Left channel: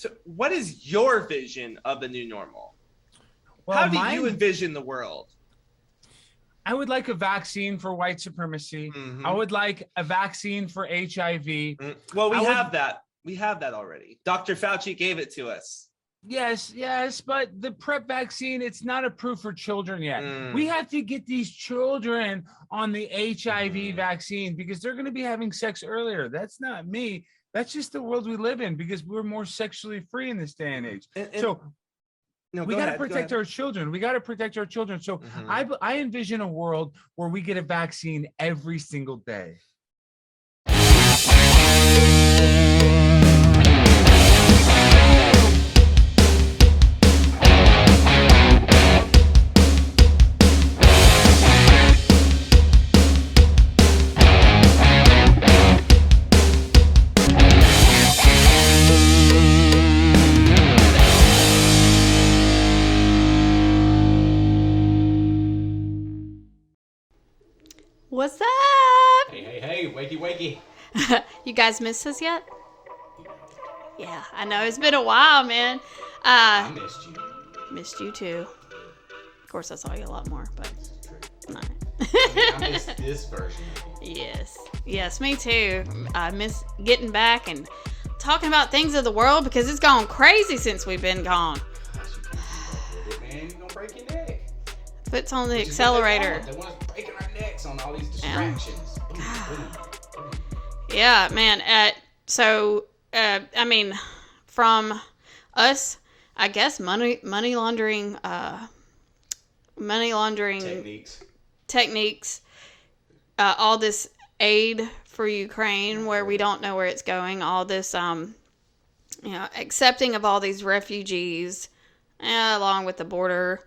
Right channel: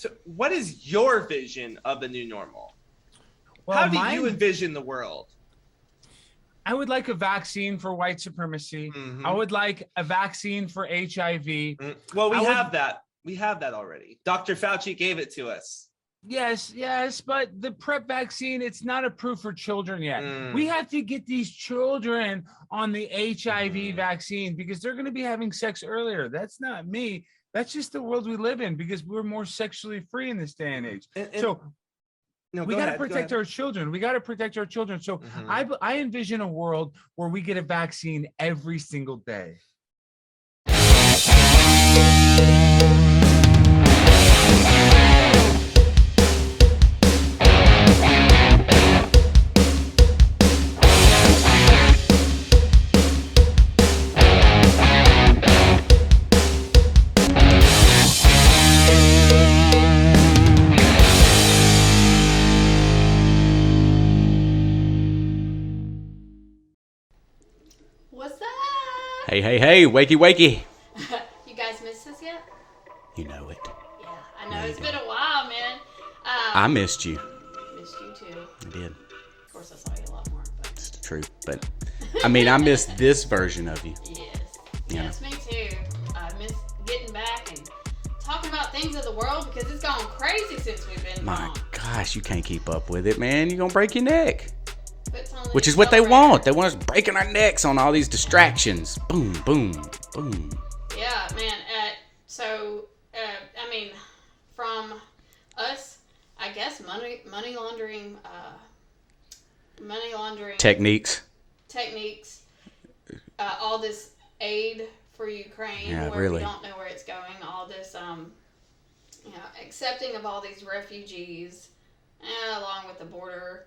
So what is your vision of the new normal? Well, How do you envision the world? I would like a vaccine for white supremacy. I would like a vaccine for HIV. Well, we have that. We have that already. Dr. Fauci gave it to us. Yes, but the PrEP vaccine, it's not approved for children yet. We have to get these children on the HIV vaccine because they're going to be having sex earlier. That's not me. That's just the world we live in because we're more sexually free in this day and age. We got to protect our children. We got to protect our children. So I envision a world where we get a vaccine every single day. What's up? Hey, wakey. You guys missed us yet? You know it. Yeah, I know. It's been a while, man. I missed you. Missed you too. I did. Of course, I saw you a lot more, but... True, but I mean, I missed this version of you. Yes, me too. I miss getting back and talking about things of the world because it's gone crazy since we've been gone. Gosh, you can't keep up with it, man. You're gonna break your neck. Which is what they want. They want us breaking our necks on all these distractions. Boom, boom, boom. Yeah, man. I mean, from us, I guess money laundering techniques. All this aid for Ukraine, where really. we don't know where it's going. All this, accepting of all these refugees, along with the border.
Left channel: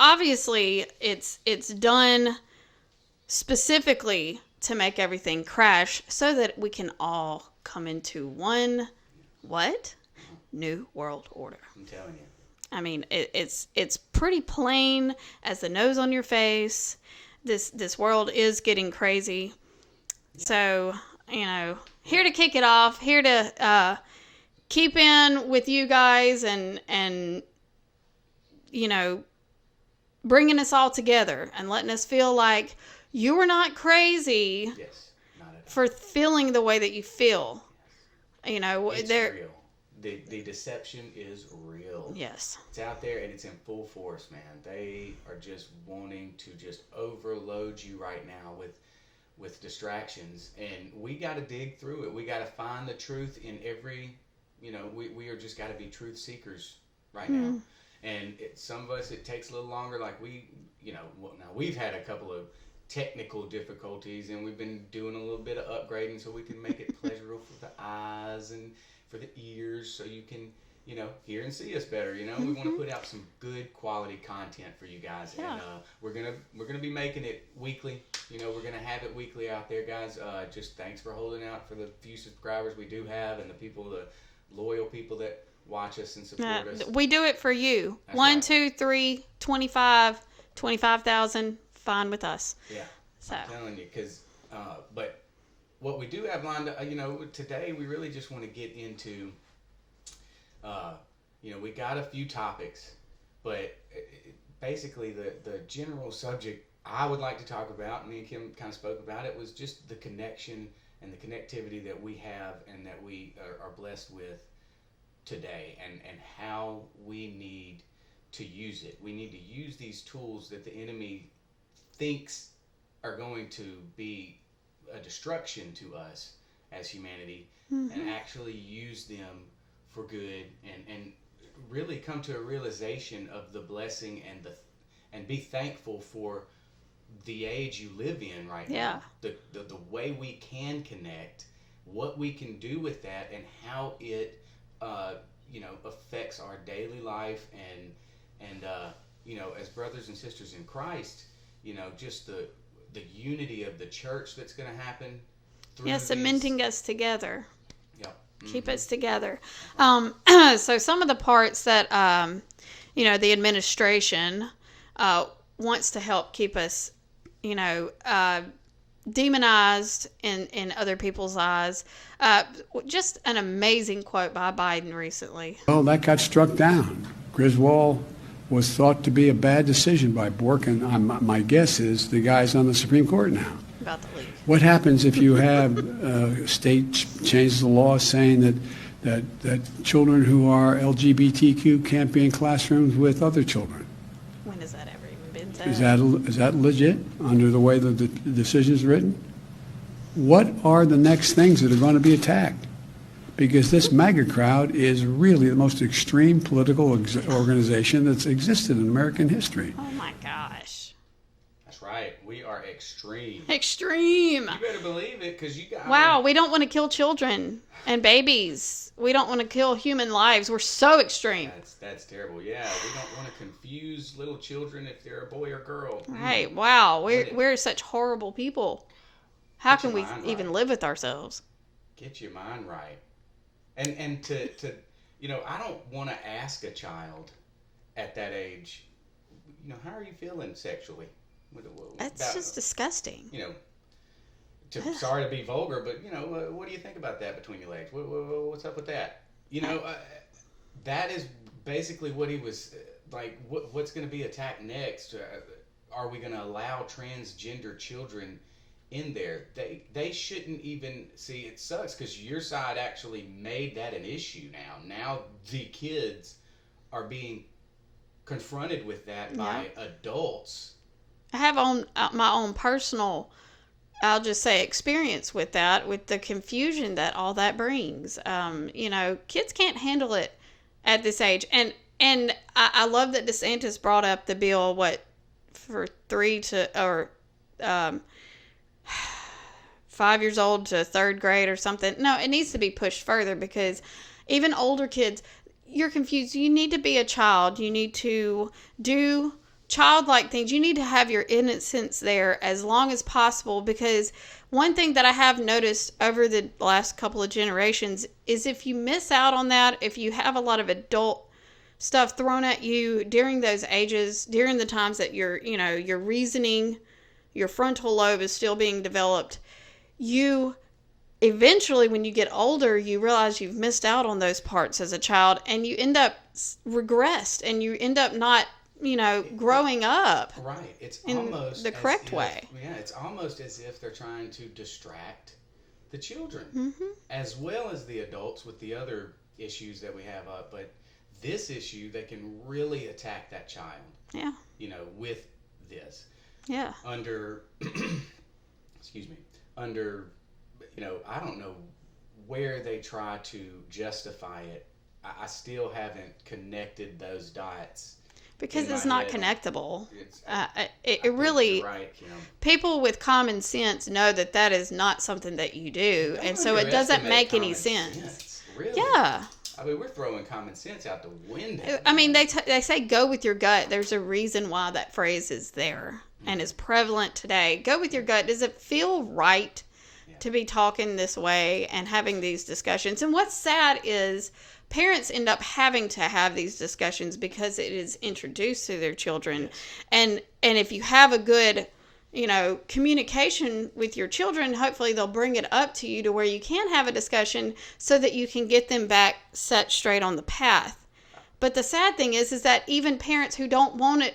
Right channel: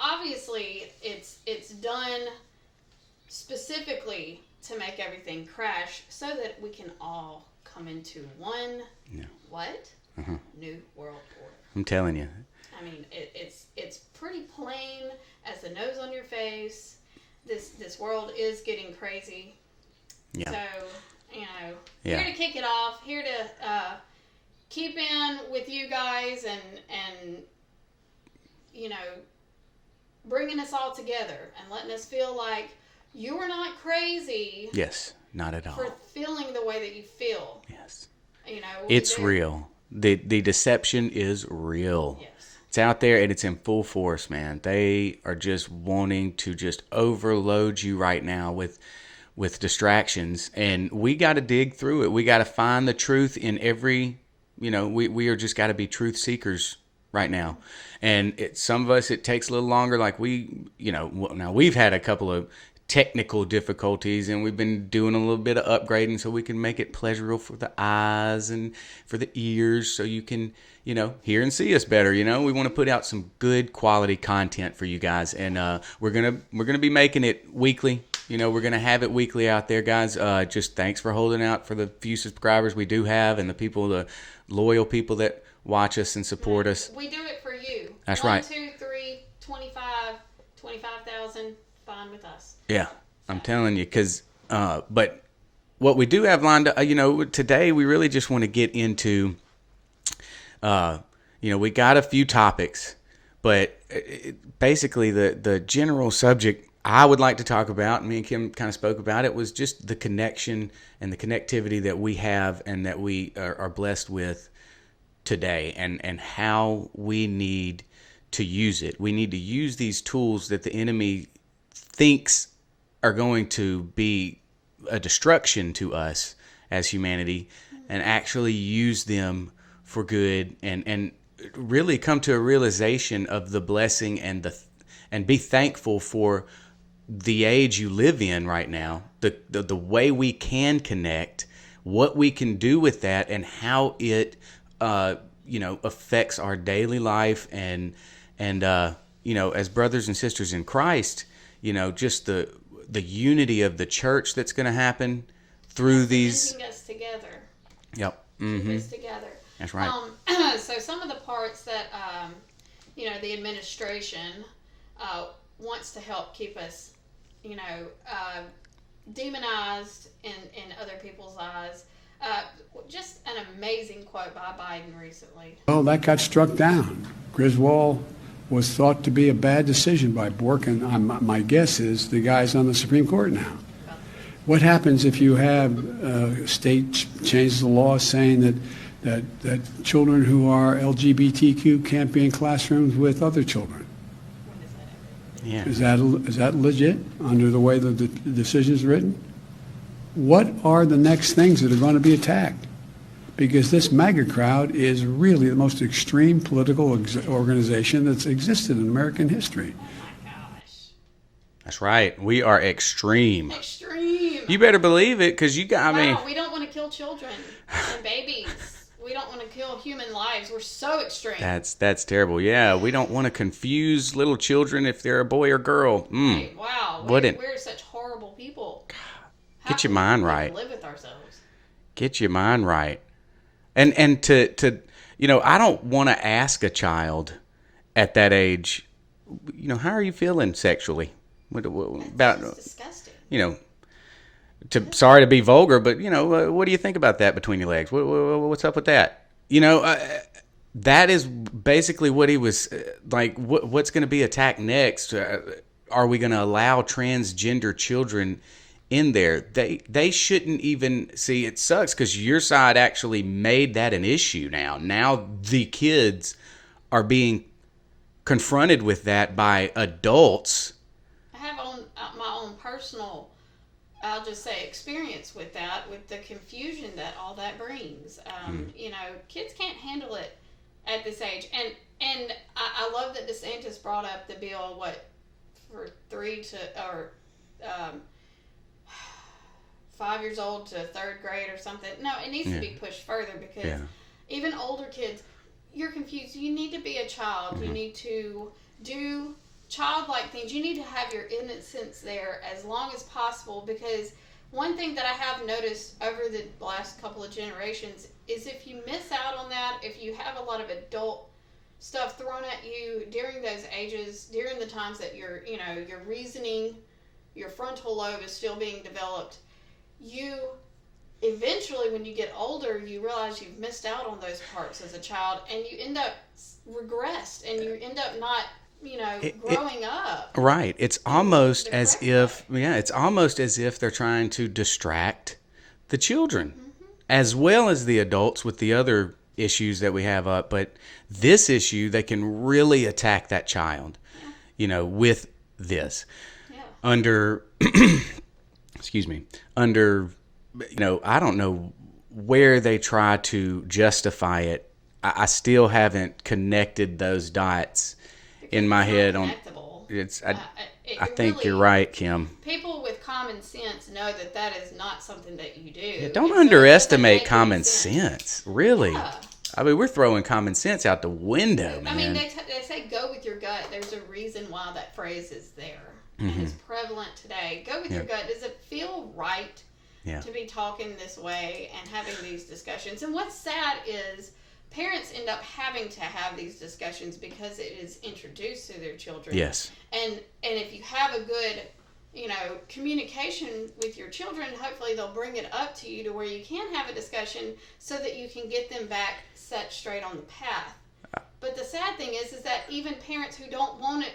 Obviously it's done specifically to make everything crash so that we can all come into one new world order. I'm telling you. I mean, it's pretty plain as the nose on your face. This world is getting crazy. Yeah. So, here to kick it off, here to keep in with you guys and bringing us all together and letting us feel like you are not crazy. Yes, not at all. For feeling the way that you feel. Yes. It's real. The deception is real. Yes. It's out there and it's in full force, man. They are just wanting to just overload you right now with distractions, and we got to dig through it. We got to find the truth in every, we are just got to be truth seekers right now. And some of us, it takes a little longer. Like now we've had a couple of technical difficulties and we've been doing a little bit of upgrading so we can make it pleasurable for the eyes and for the ears so you can, hear and see us better. We want to put out some good quality content for you guys, and we're going to be making it weekly. We're going to have it weekly out there, guys. Just thanks for holding out for the few subscribers we do have and the loyal people that watch us and support us. We do it for you. That's 1, right. 2, 3, 25,000, fine with us. Yeah, so. I'm telling you, because, but what we do have lined up, today we really just want to get into, we got a few topics, but basically the general subject I would like to talk about, and me and Kim kind of spoke about it, was just the connection and the connectivity that we have and that we are blessed with today, and how we need to use it. We need to use these tools that the enemy thinks are going to be a destruction to us as humanity, and actually use them for good, and really come to a realization of the blessing and be thankful for the age you live in right now. The way we can connect, what we can do with that, and how it affects our daily life, and as brothers and sisters in Christ, just the unity of the church that's going to happen through these. Cementing us together. Yep. Keep us together. That's right. So some of the parts that, the administration wants to help keep us, demonized in other people's eyes. Just an amazing quote by Biden recently. Well, that got struck down. Griswold was thought to be a bad decision by Bork, and my guess is the guy's on the Supreme Court now. About the leave. What happens if you have state changes the law saying that children who are LGBTQ can't be in classrooms with other children? When has that ever even been done? Is that legit under the way the decision is written? What are the next things that are going to be attacked? Because this MAGA crowd is really the most extreme political organization that's existed in American history. Oh my gosh. That's right. We are extreme. Extreme. You better believe it, because you got. Wow, we don't want to kill children and babies. We don't want to kill human lives. We're so extreme. That's terrible. Yeah, we don't want to confuse little children if they're a boy or girl. Right. Wow. We're such horrible people. How Get your can mind we right. even live with ourselves? Get your mind right. And to I don't want to ask a child at that age, how are you feeling sexually? That's just disgusting. Sorry to be vulgar, but what do you think about that between your legs? What's up with that? That is basically what he was like. What's going to be attacked next? Are we going to allow transgender children in there? They shouldn't even see. It sucks because your side actually made that an issue. Now the kids are being confronted with that by adults. I have my own personal, I'll just say, experience with that, with the confusion that all that brings. Kids can't handle it at this age. And I love that DeSantis brought up the bill, for 5 years old to third grade or something. No, it needs to be pushed further because even older kids, you're confused. You need to be a child. You need to do childlike things. You need to have your innocence there as long as possible, because one thing that I have noticed over the last couple of generations is if you miss out on that, if you have a lot of adult stuff thrown at you during those ages, during the times that your reasoning, your frontal lobe is still being developed, you eventually, when you get older, you realize you've missed out on those parts as a child, and you end up regressed, and you end up not growing up. Right. It's almost the as correct if, way. it's almost as if they're trying to distract the children as well as the adults with the other issues that we have up. But this issue, they can really attack that child, with this. Yeah. Under, I don't know where they try to justify it. I still haven't connected those dots. Because in my head, not connectable. I think really, you're right, Kim. People with common sense know that is not something that you do. Don't underestimate common sense. Really? Yeah. I mean, we're throwing common sense out the window. I mean, they say go with your gut. There's a reason why that phrase is there and is prevalent today. Go with your gut. Does it feel right to be talking this way and having these discussions? And what's sad is parents end up having to have these discussions because it is introduced to their children. Yes. And if you have a good, communication with your children, hopefully they'll bring it up to you to where you can have a discussion so that you can get them back set straight on the path. But the sad thing is that even parents who don't want it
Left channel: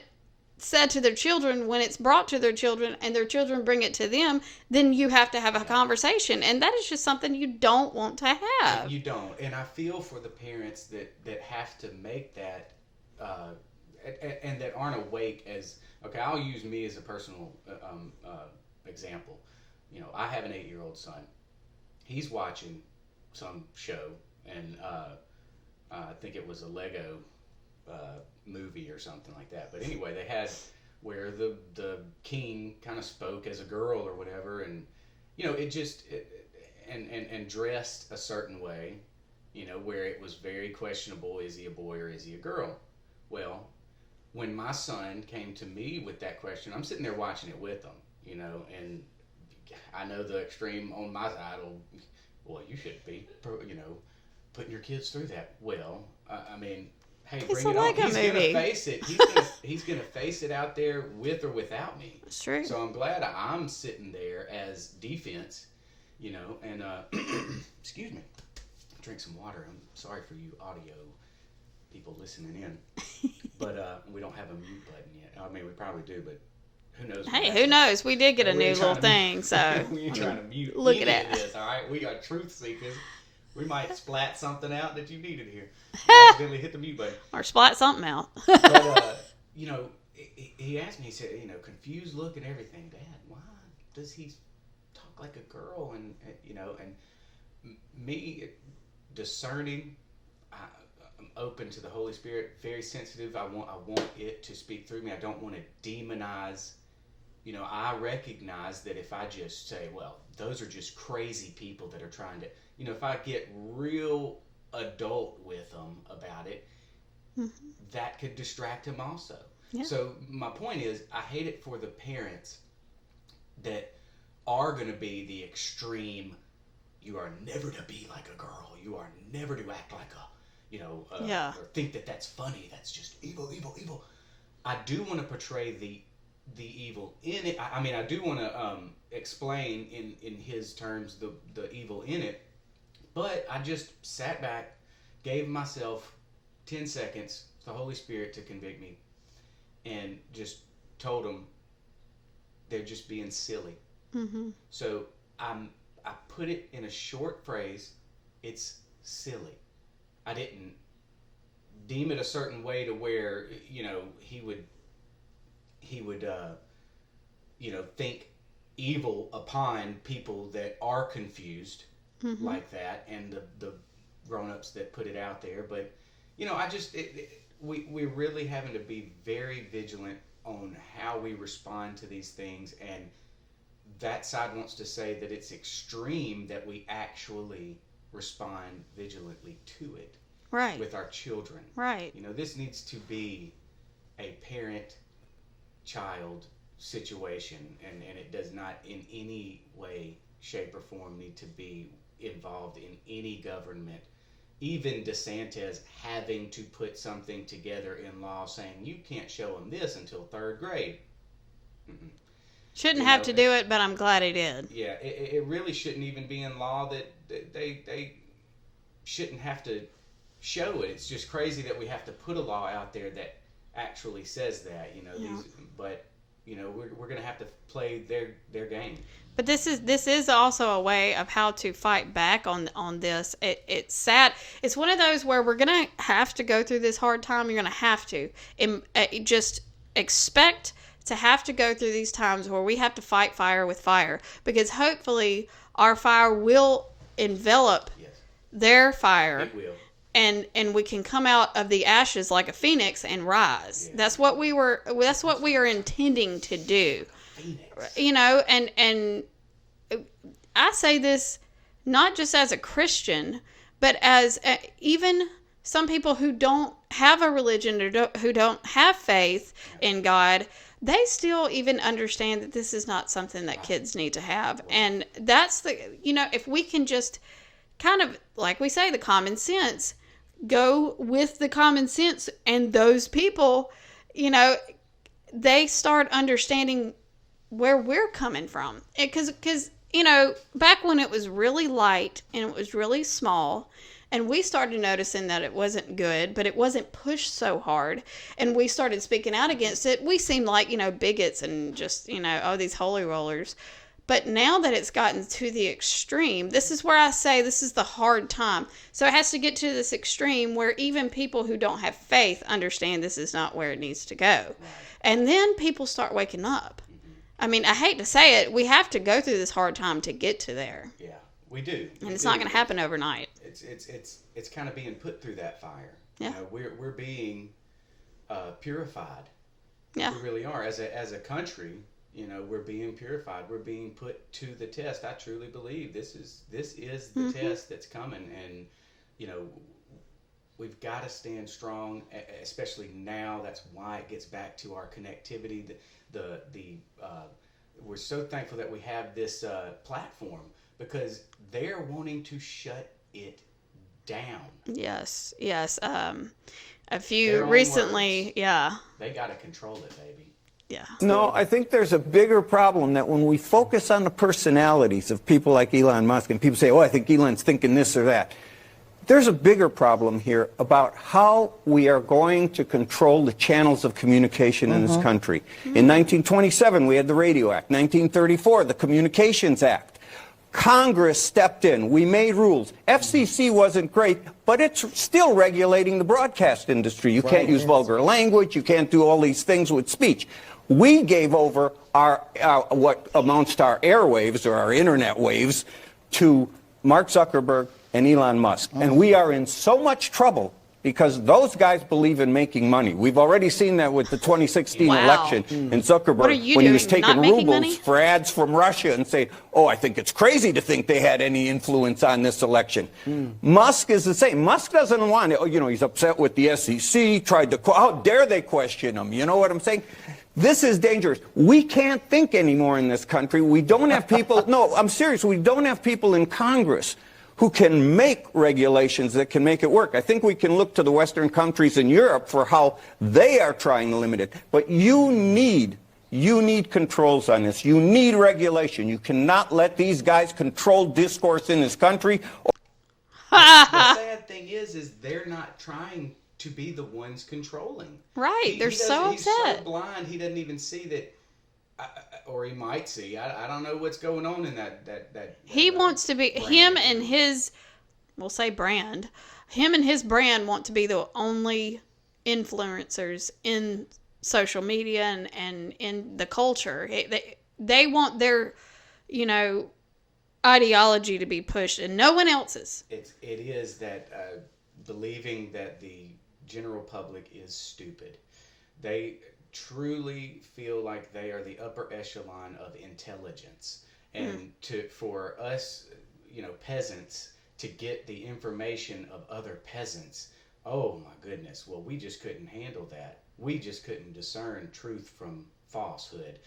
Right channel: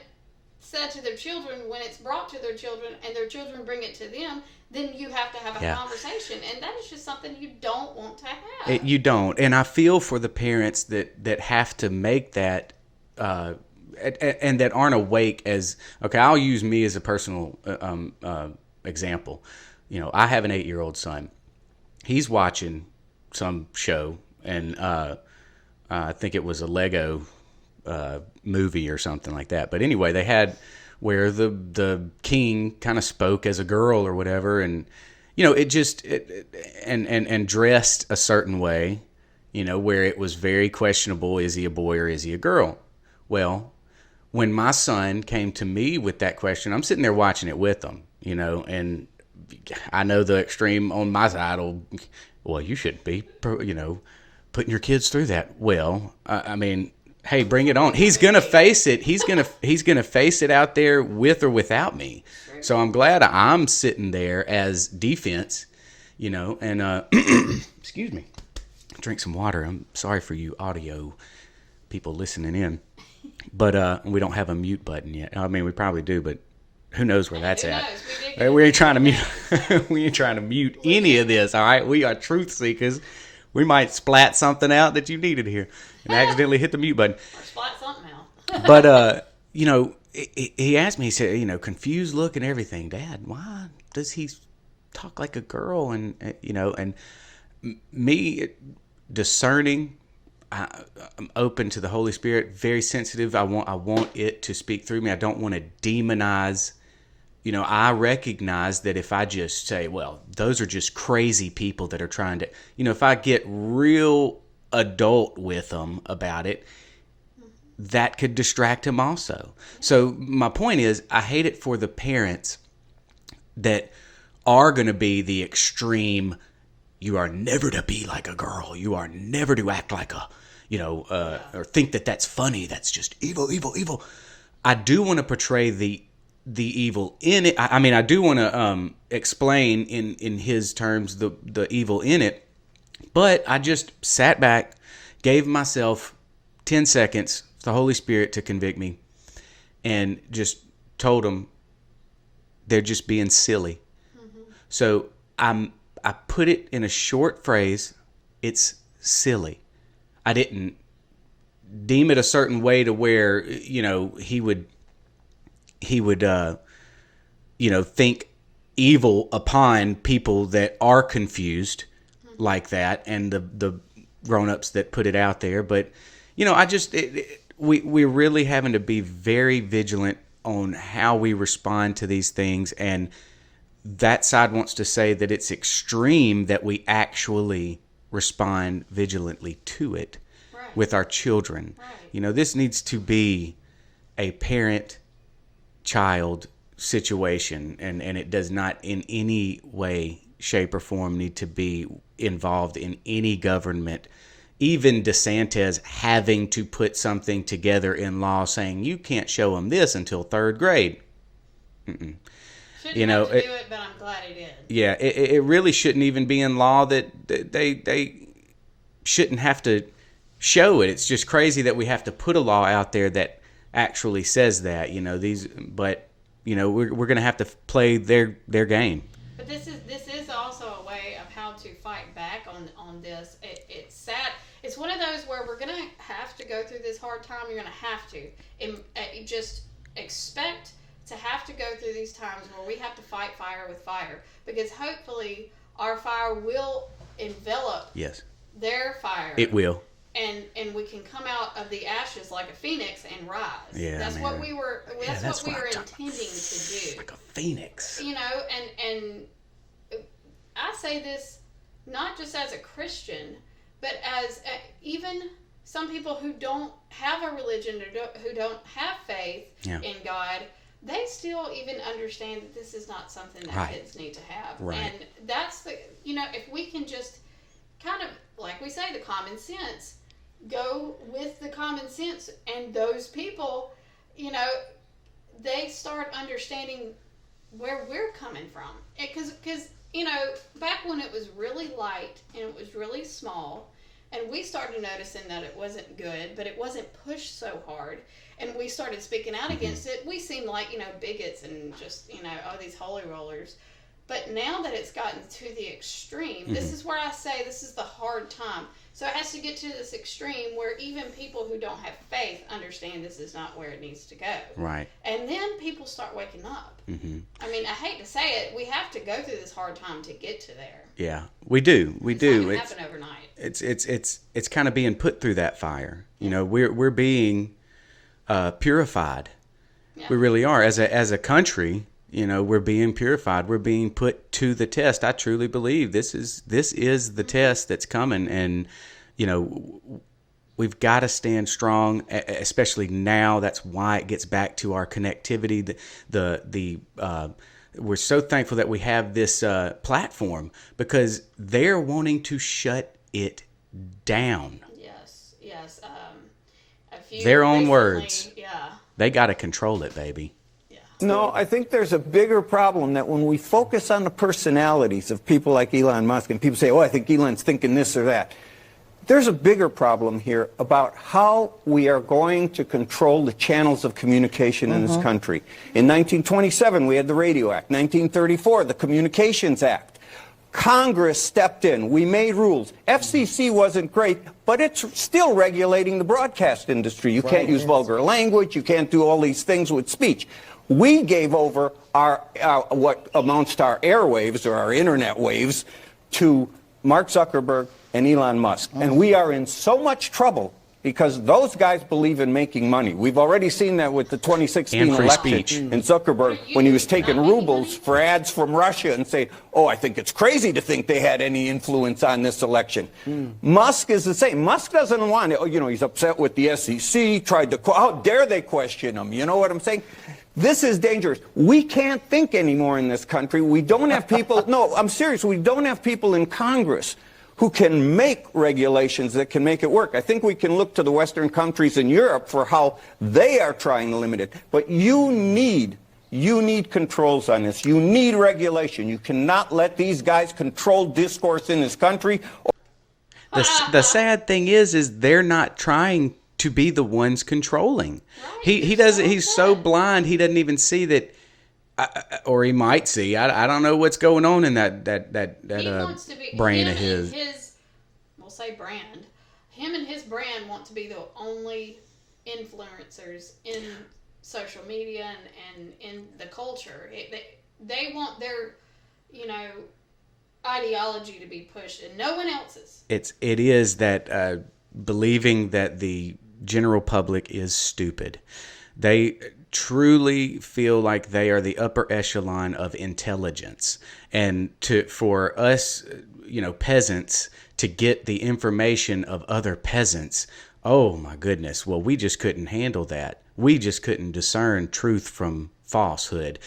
said to their children, when it's brought to their children and their children bring it to them, then you have to have a conversation, and that is just something you don't want to have. You don't. And I feel for the parents that have to make that and that aren't awake as, okay, I'll use me as a personal example. I have an 8-year-old son. He's watching some show, and I think it was a Lego movie or something like that. But anyway, they had where the king kind of spoke as a girl or whatever, and and dressed a certain way, where it was very questionable, is he a boy or is he a girl? Well, when my son came to me with that question, I'm sitting there watching it with him, and I know the extreme on my side well, you shouldn't be putting your kids through that. Well, I mean, hey, bring it on. He's going to face it. He's going to face it out there with or without me. True. So I'm glad I'm sitting there as defense, you know, and excuse me, drink some water. I'm sorry for you audio people listening in, but we don't have a mute button yet. I mean, we probably do, but who knows where that's who at. knows? We did get a we new ain't trying to little mute, thing, so we ain't trying to mute Look any at of this. All right, we are truth seekers. We might splat something out that you needed here and accidentally hit the mute button. or splat something out. But you know, he asked me. He said, you know, confused look and everything. Dad, why does he talk like a girl? And you know, and me discerning. I'm open to the Holy Spirit. Very sensitive. I want it to speak through me. I don't want to demonize. You know, I recognize that if I just say, well, those are just crazy people that are trying to, you know, if I get real adult with them about it, that could distract him also. Yeah. So my point is, I hate it for the parents that are going to be the extreme, you are never to be like a girl. You are never to act like a, you know, or think that that's funny. That's just evil, evil, evil. I do want to portray the evil in it. I mean, I do want to explain in his terms the evil in it, but I just sat back, gave myself 10 seconds, the Holy Spirit to convict me, and just told him they're just being silly. Mm-hmm. So I put it in a short phrase. It's silly. I didn't deem it a certain way to where, you know, he would you know, think evil upon people that are confused like that, and the grown-ups that put it out there. But, you know, I just we're really having to be very vigilant on how we respond to these things, and that side wants to say that it's extreme that we actually respond vigilantly to it with our children. Right. You know, this needs to be a parent-child situation, and it does not in any way, shape, or form need to be involved in any government. Even DeSantis having to put something together in law saying you can't show them this until 3rd grade. Mm-mm. Shouldn't have to do it, but I'm glad he did. Yeah, it really shouldn't even be in law that they shouldn't have to show it. It's just crazy that we have to put a law out there that actually says that, you know, but you know, we're going to have to play their game. But this is also a way of how to fight back on this. It's sad. It's one of those where we're going to have to go through this hard time. You're going to have to just expect to have to go through these times where we have to fight fire with fire, because hopefully our fire will envelop their fire. It will. And we can come out of the ashes like a phoenix and rise. Yeah, that's what we are intending to do. Like a phoenix. You know, and I say this not just as a Christian, but as even some people who don't have a religion or who don't have faith in God. They still even understand that this is not something that kids need to have. Right. And that's if we can just kind of, like we say, the common sense, go with the common sense, and those people, you know, they start understanding where we're coming from. Because you know, back when it was really light and it was really small, and we started noticing that it wasn't good, but it wasn't pushed so hard, and we started speaking out against it, we seemed like, you know, bigots and just, you know, oh, these holy rollers. But now that it's gotten to the extreme, this is where I say this is the hard time. So it has to get to this extreme where even people who don't have faith understand this is not where it needs to go. Right. And then people start waking up. Mm-hmm. I mean, I hate to say it, we have to go through this hard time to get to there. Yeah, we do. It's not going to happen overnight. It's kind of being put through that fire. Yeah. You know, we're being purified. Yeah. We really are as a country. You know, we're being purified. We're being put to the test. I truly believe this is the test that's coming, and you know, we've got to stand strong, especially now. That's why it gets back to our connectivity. We're so thankful that we have this platform, because they're wanting to shut it down. Yes. A few their own recently, words. yeah. They got to control it, baby. Yeah. No, I think there's a bigger problem that when we focus on the personalities of people like Elon Musk and people say, oh, I think Elon's thinking this or that. There's a bigger problem here about how we are going to control the channels of communication in this country. In 1927, we had the Radio Act. 1934, the Communications Act. Congress stepped in. We made rules. FCC wasn't great, but it's still regulating the broadcast industry. You can't use vulgar language. You can't do all these things with speech. We gave over our what amounts to our airwaves or our internet waves to Mark Zuckerberg and Elon Musk. And we are in so much trouble because those guys believe in making money. We've already seen that with the 2016 election and Zuckerberg when he was taking rubles for ads from Russia and saying, oh, I think it's crazy to think they had any influence on this election. Musk is the same. Musk doesn't want it. You know, he's upset with the SEC, tried to, how dare they question him? You know what I'm saying? This is dangerous. We can't think anymore in this country. We don't have people, no, I'm serious, we don't have people in Congress who can make regulations that can make it work. I think we can look to the Western countries in Europe for how they are trying to limit it. But you need controls on this. You need regulation. You cannot let these guys control discourse in this country. The sad thing is they're not trying to be the ones controlling. Right. He doesn't. He's so blind. He doesn't even see that. Or he might see. I don't know what's going on in that he wants to be him and his, we'll say brand. Him and his brand want to be the only influencers in social media and in the culture. They want their, ideology to be pushed and no one else's. It is that believing that the general public is stupid. They truly feel like they are the upper echelon of intelligence, and for us peasants to get the information of other peasants, oh my goodness, well, we just couldn't handle that. We just couldn't discern truth from falsehood.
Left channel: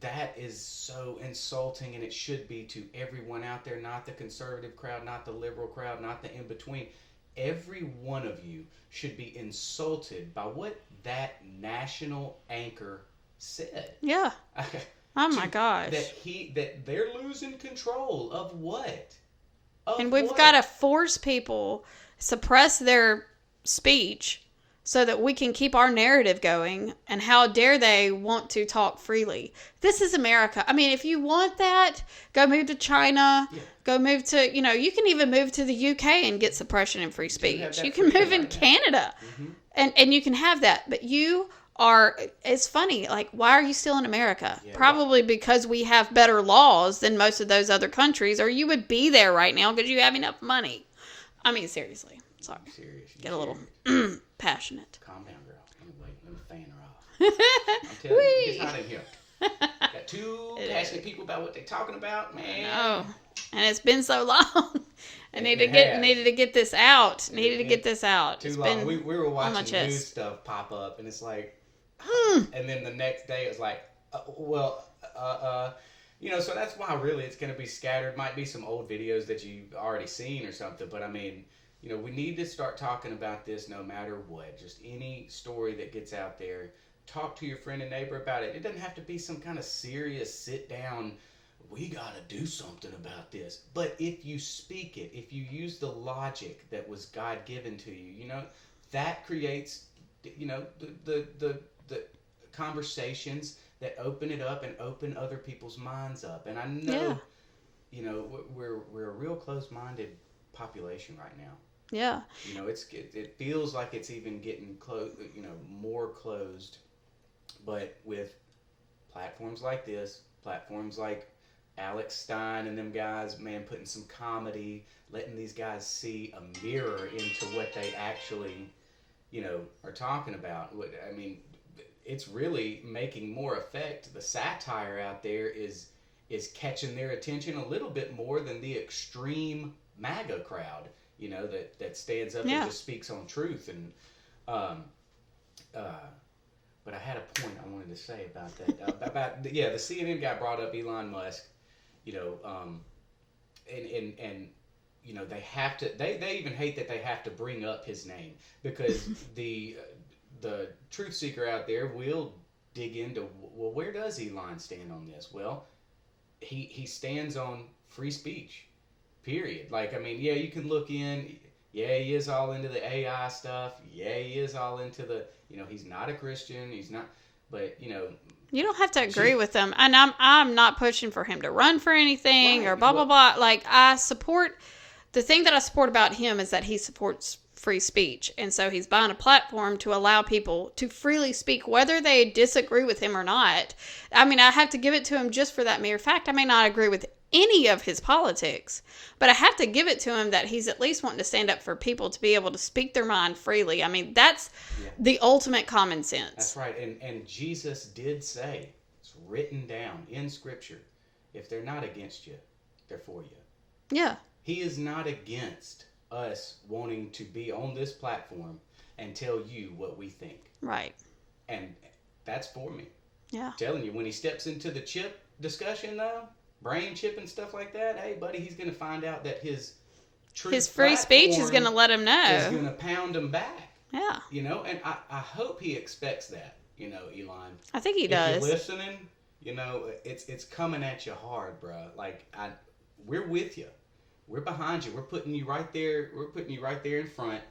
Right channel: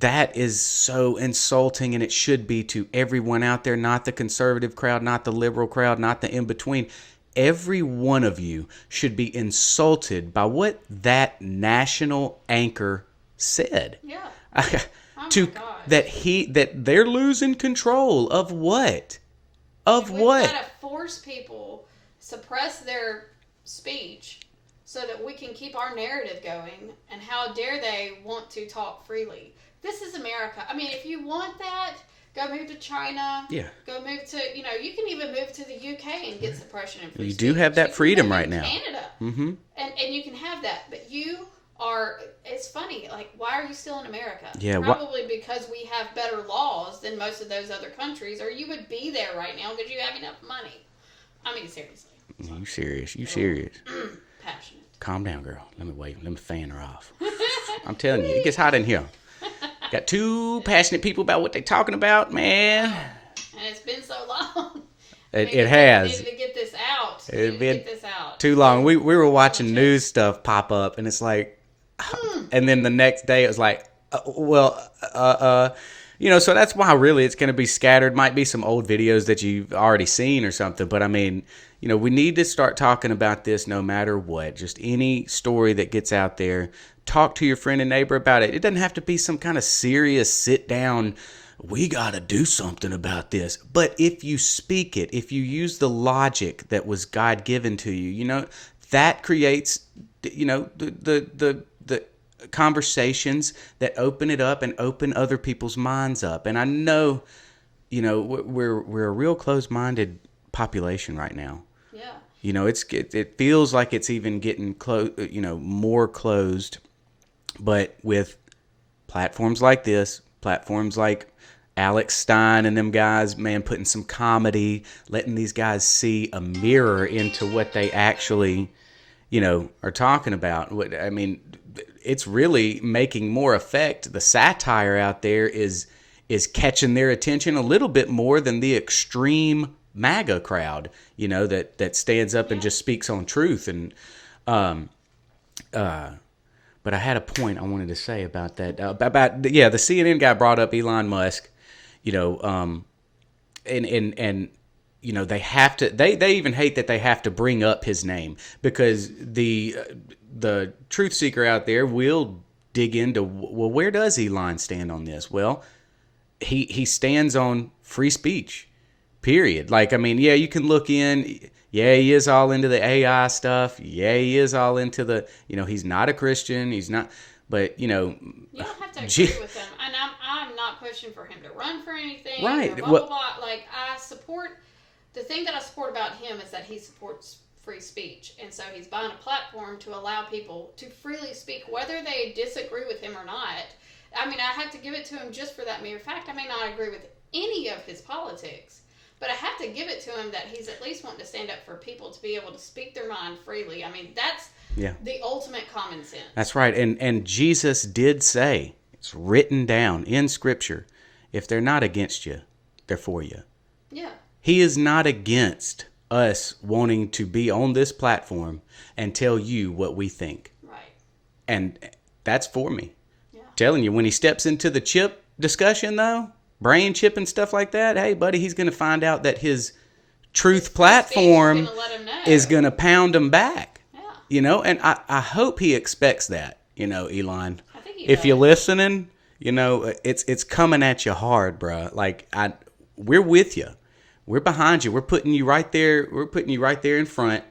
That is so insulting, and it should be to everyone out there, not the conservative crowd, not the liberal crowd, not the in-between. Every one of you should be insulted by what that national anchor said. Yeah. Oh my gosh. That they're losing control of what? And we've got to force people, suppress their speech so that we can keep our narrative going. And how dare they want to talk freely? This is America. I mean, if you want that, go move to China. Yeah. Go move to, you can even move to the UK and get suppression and free speech. You do have that freedom right now. Canada. Mm-hmm. And you can have that. But it's funny, like, why are you still in America? Yeah, probably because we have better laws than most of those other countries, or you would be there right now because you have enough money. I mean, seriously. You serious? You serious? Passionate. Calm down, girl. Let me fan her off. I'm telling you, it gets hot in here. Got two passionate people about what they're talking about, man. Oh, and it's been so long. It has. Needed to get this out. Too long. We were watching news stuff pop up, and it's like, and then the next day it was like, so that's why really it's going to be scattered. Might be some old videos that you've already seen or something, but I mean, we need to start talking about this no matter what. Just any story that gets out there, talk to your friend and neighbor about it. It doesn't have to be some kind of serious sit down, we got to do something about this. But if you speak it, if you use the logic that was God given to you, that creates, the conversations that open it up and open other people's minds up. And I know, we're a real closed-minded population right now. Yeah. It feels like it's even getting more closed, but with platforms like this, platforms like Alex Stein and them guys, man, putting some comedy, letting these guys see a mirror into what they actually, are talking about. I mean, it's really making more effect. The satire out there is catching their attention a little bit more than the extreme MAGA crowd, that stands up and just speaks on truth. And, but I had a point I wanted to say about that. The CNN guy brought up Elon Musk, and they have to. They even hate that they have to bring up his name because the truth seeker out there will dig into, well, where does Elon stand on this? Well, he stands on free speech, period. Like, I mean, yeah, you can look in. Yeah, he is all into the AI stuff. Yeah, he is all into the, he's not a Christian. He's not, but, you don't have to agree with them. And I'm not pushing for him to run for anything or blah, blah, blah. Like, the thing that I support about him is that he supports free speech. And so he's buying a platform to allow people to freely speak, whether they disagree with him or not. I mean, I have to give it to him just for that mere fact. I may not agree with any of his politics, but I have to give it to him that he's at least wanting to stand up for people to be able to speak their mind freely. I mean, that's the ultimate common sense. That's right. And Jesus did say, it's written down in Scripture, if they're not against you, they're for you. Yeah. He is not against us wanting to be on this platform and tell you what we think. Right. And that's for me. Yeah. Telling you, when he steps into the chip discussion, though, brain chip and stuff like that, hey, buddy, he's going to find out that his truth platform is going to let him know. Is going to pound him back. Yeah. And I hope he expects that, Elon. I think he does. If you're listening, it's coming at you hard, bro. Like, we're with you. We're behind you. We're putting you right there. We're putting you right there in front.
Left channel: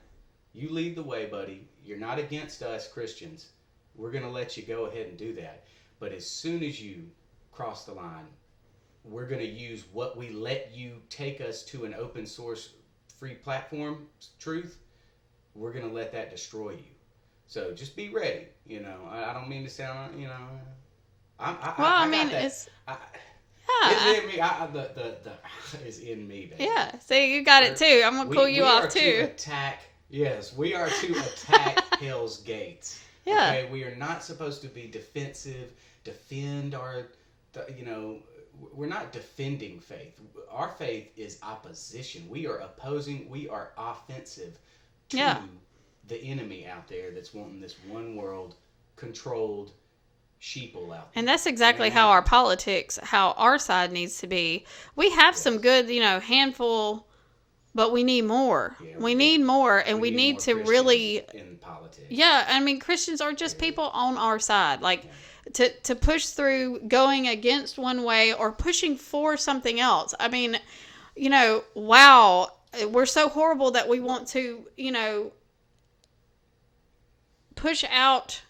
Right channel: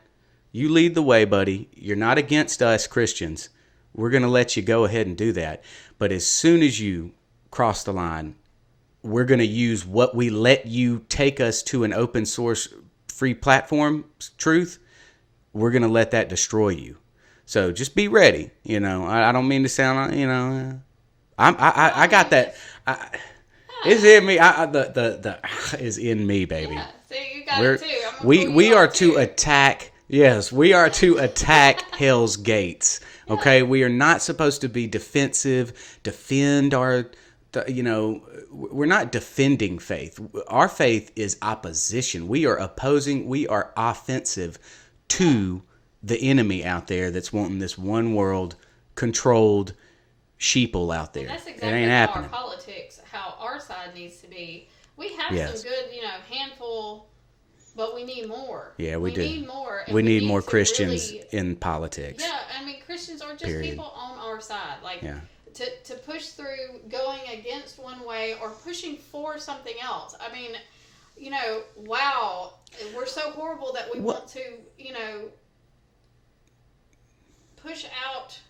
You lead the way, buddy. You're not against us Christians. We're going to let you go ahead and do that. But as soon as you cross the line, we're going to use what we let you take us to an open source free platform truth. We're going to let that destroy you. So just be ready. I don't mean to sound, I got that. It's in me. The is in me, baby. Yeah. See, you got it too. I'm gonna pull you we are off too. to attack. Yes, we are to attack Hell's gates. Yeah. Okay, we are not supposed to be defensive. Defend our. We're not defending faith. Our faith is opposition. We are opposing. We are offensive to the enemy out there that's wanting this one world controlled sheeple out there. And that's exactly how our politics, how our side needs to be. We have some good, handful, but we need more. Yeah, we need more, and we need more to Christians really in politics. Yeah, I mean, Christians are just people on our side, to push through going against one way or pushing for something else. I mean, wow, we're so horrible that we want to, push out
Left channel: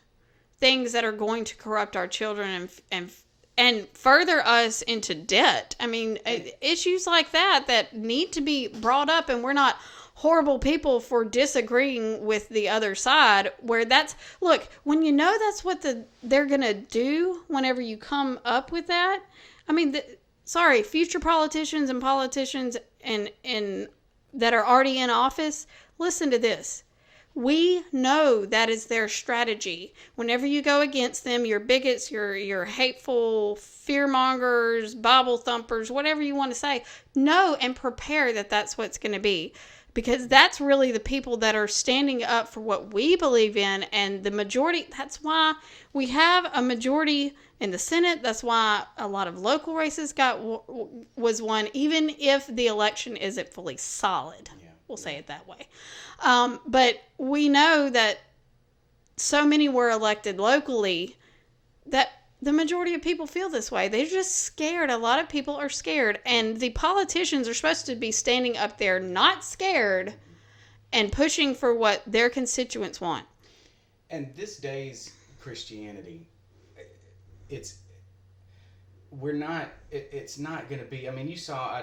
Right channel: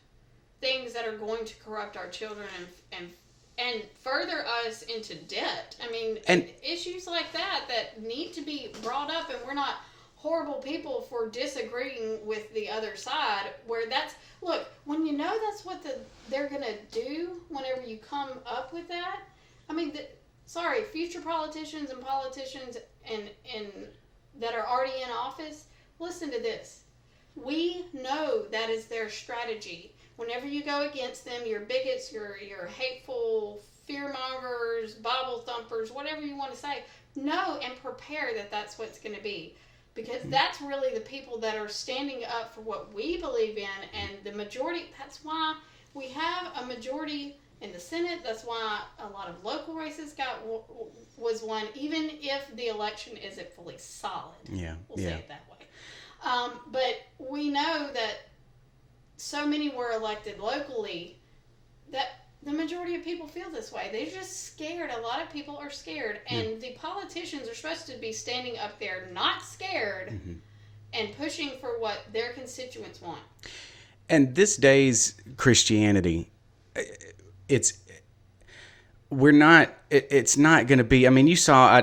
things that are going to corrupt our children and further us into debt. I mean, issues like that need to be brought up, and we're not horrible people for disagreeing with the other side, where when that's what they're going to do whenever you come up with that. I mean, future politicians and that are already in office, listen to this. We know that is their strategy. Whenever you go against them, your bigots, your hateful fearmongers, Bible thumpers, whatever you want to say, know and prepare that that's what's going to be. Because that's really the people that are standing up for what we believe in. And the majority, that's why we have a majority in the Senate. That's why a lot of local races was won, even if the election isn't fully solid. We'll say it that way. But we know that so many were elected locally that the majority of people feel this way. They're just scared. A lot of people are scared. And the politicians are supposed to be standing up there not scared and pushing for what their constituents want. And this day's Christianity, it's not going to be, I mean, you saw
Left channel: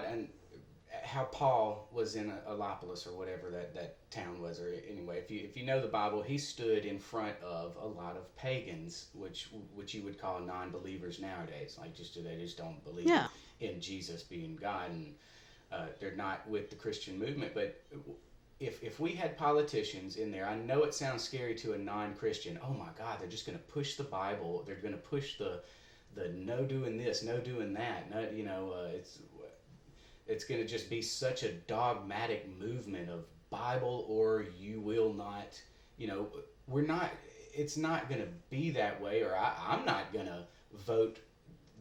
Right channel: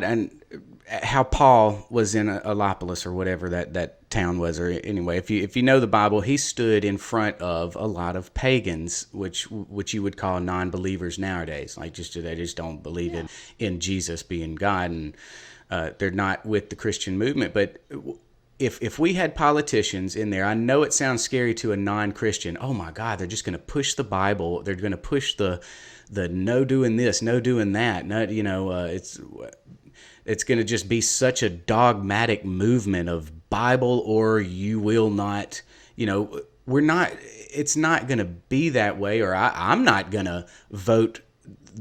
how Paul was in Alopolis or whatever that town was, or anyway, if you know the Bible, he stood in front of a lot of pagans, which you would call non-believers nowadays. Like they just don't believe in Jesus being God, and they're not with the Christian movement. But if we had politicians in there, I know it sounds scary to a non-Christian. Oh my God, they're just going to push the Bible. They're going to push the no doing this, no doing that. It's going to just be such a dogmatic movement of Bible or you will not, it's not going to be that way, or I'm not going to vote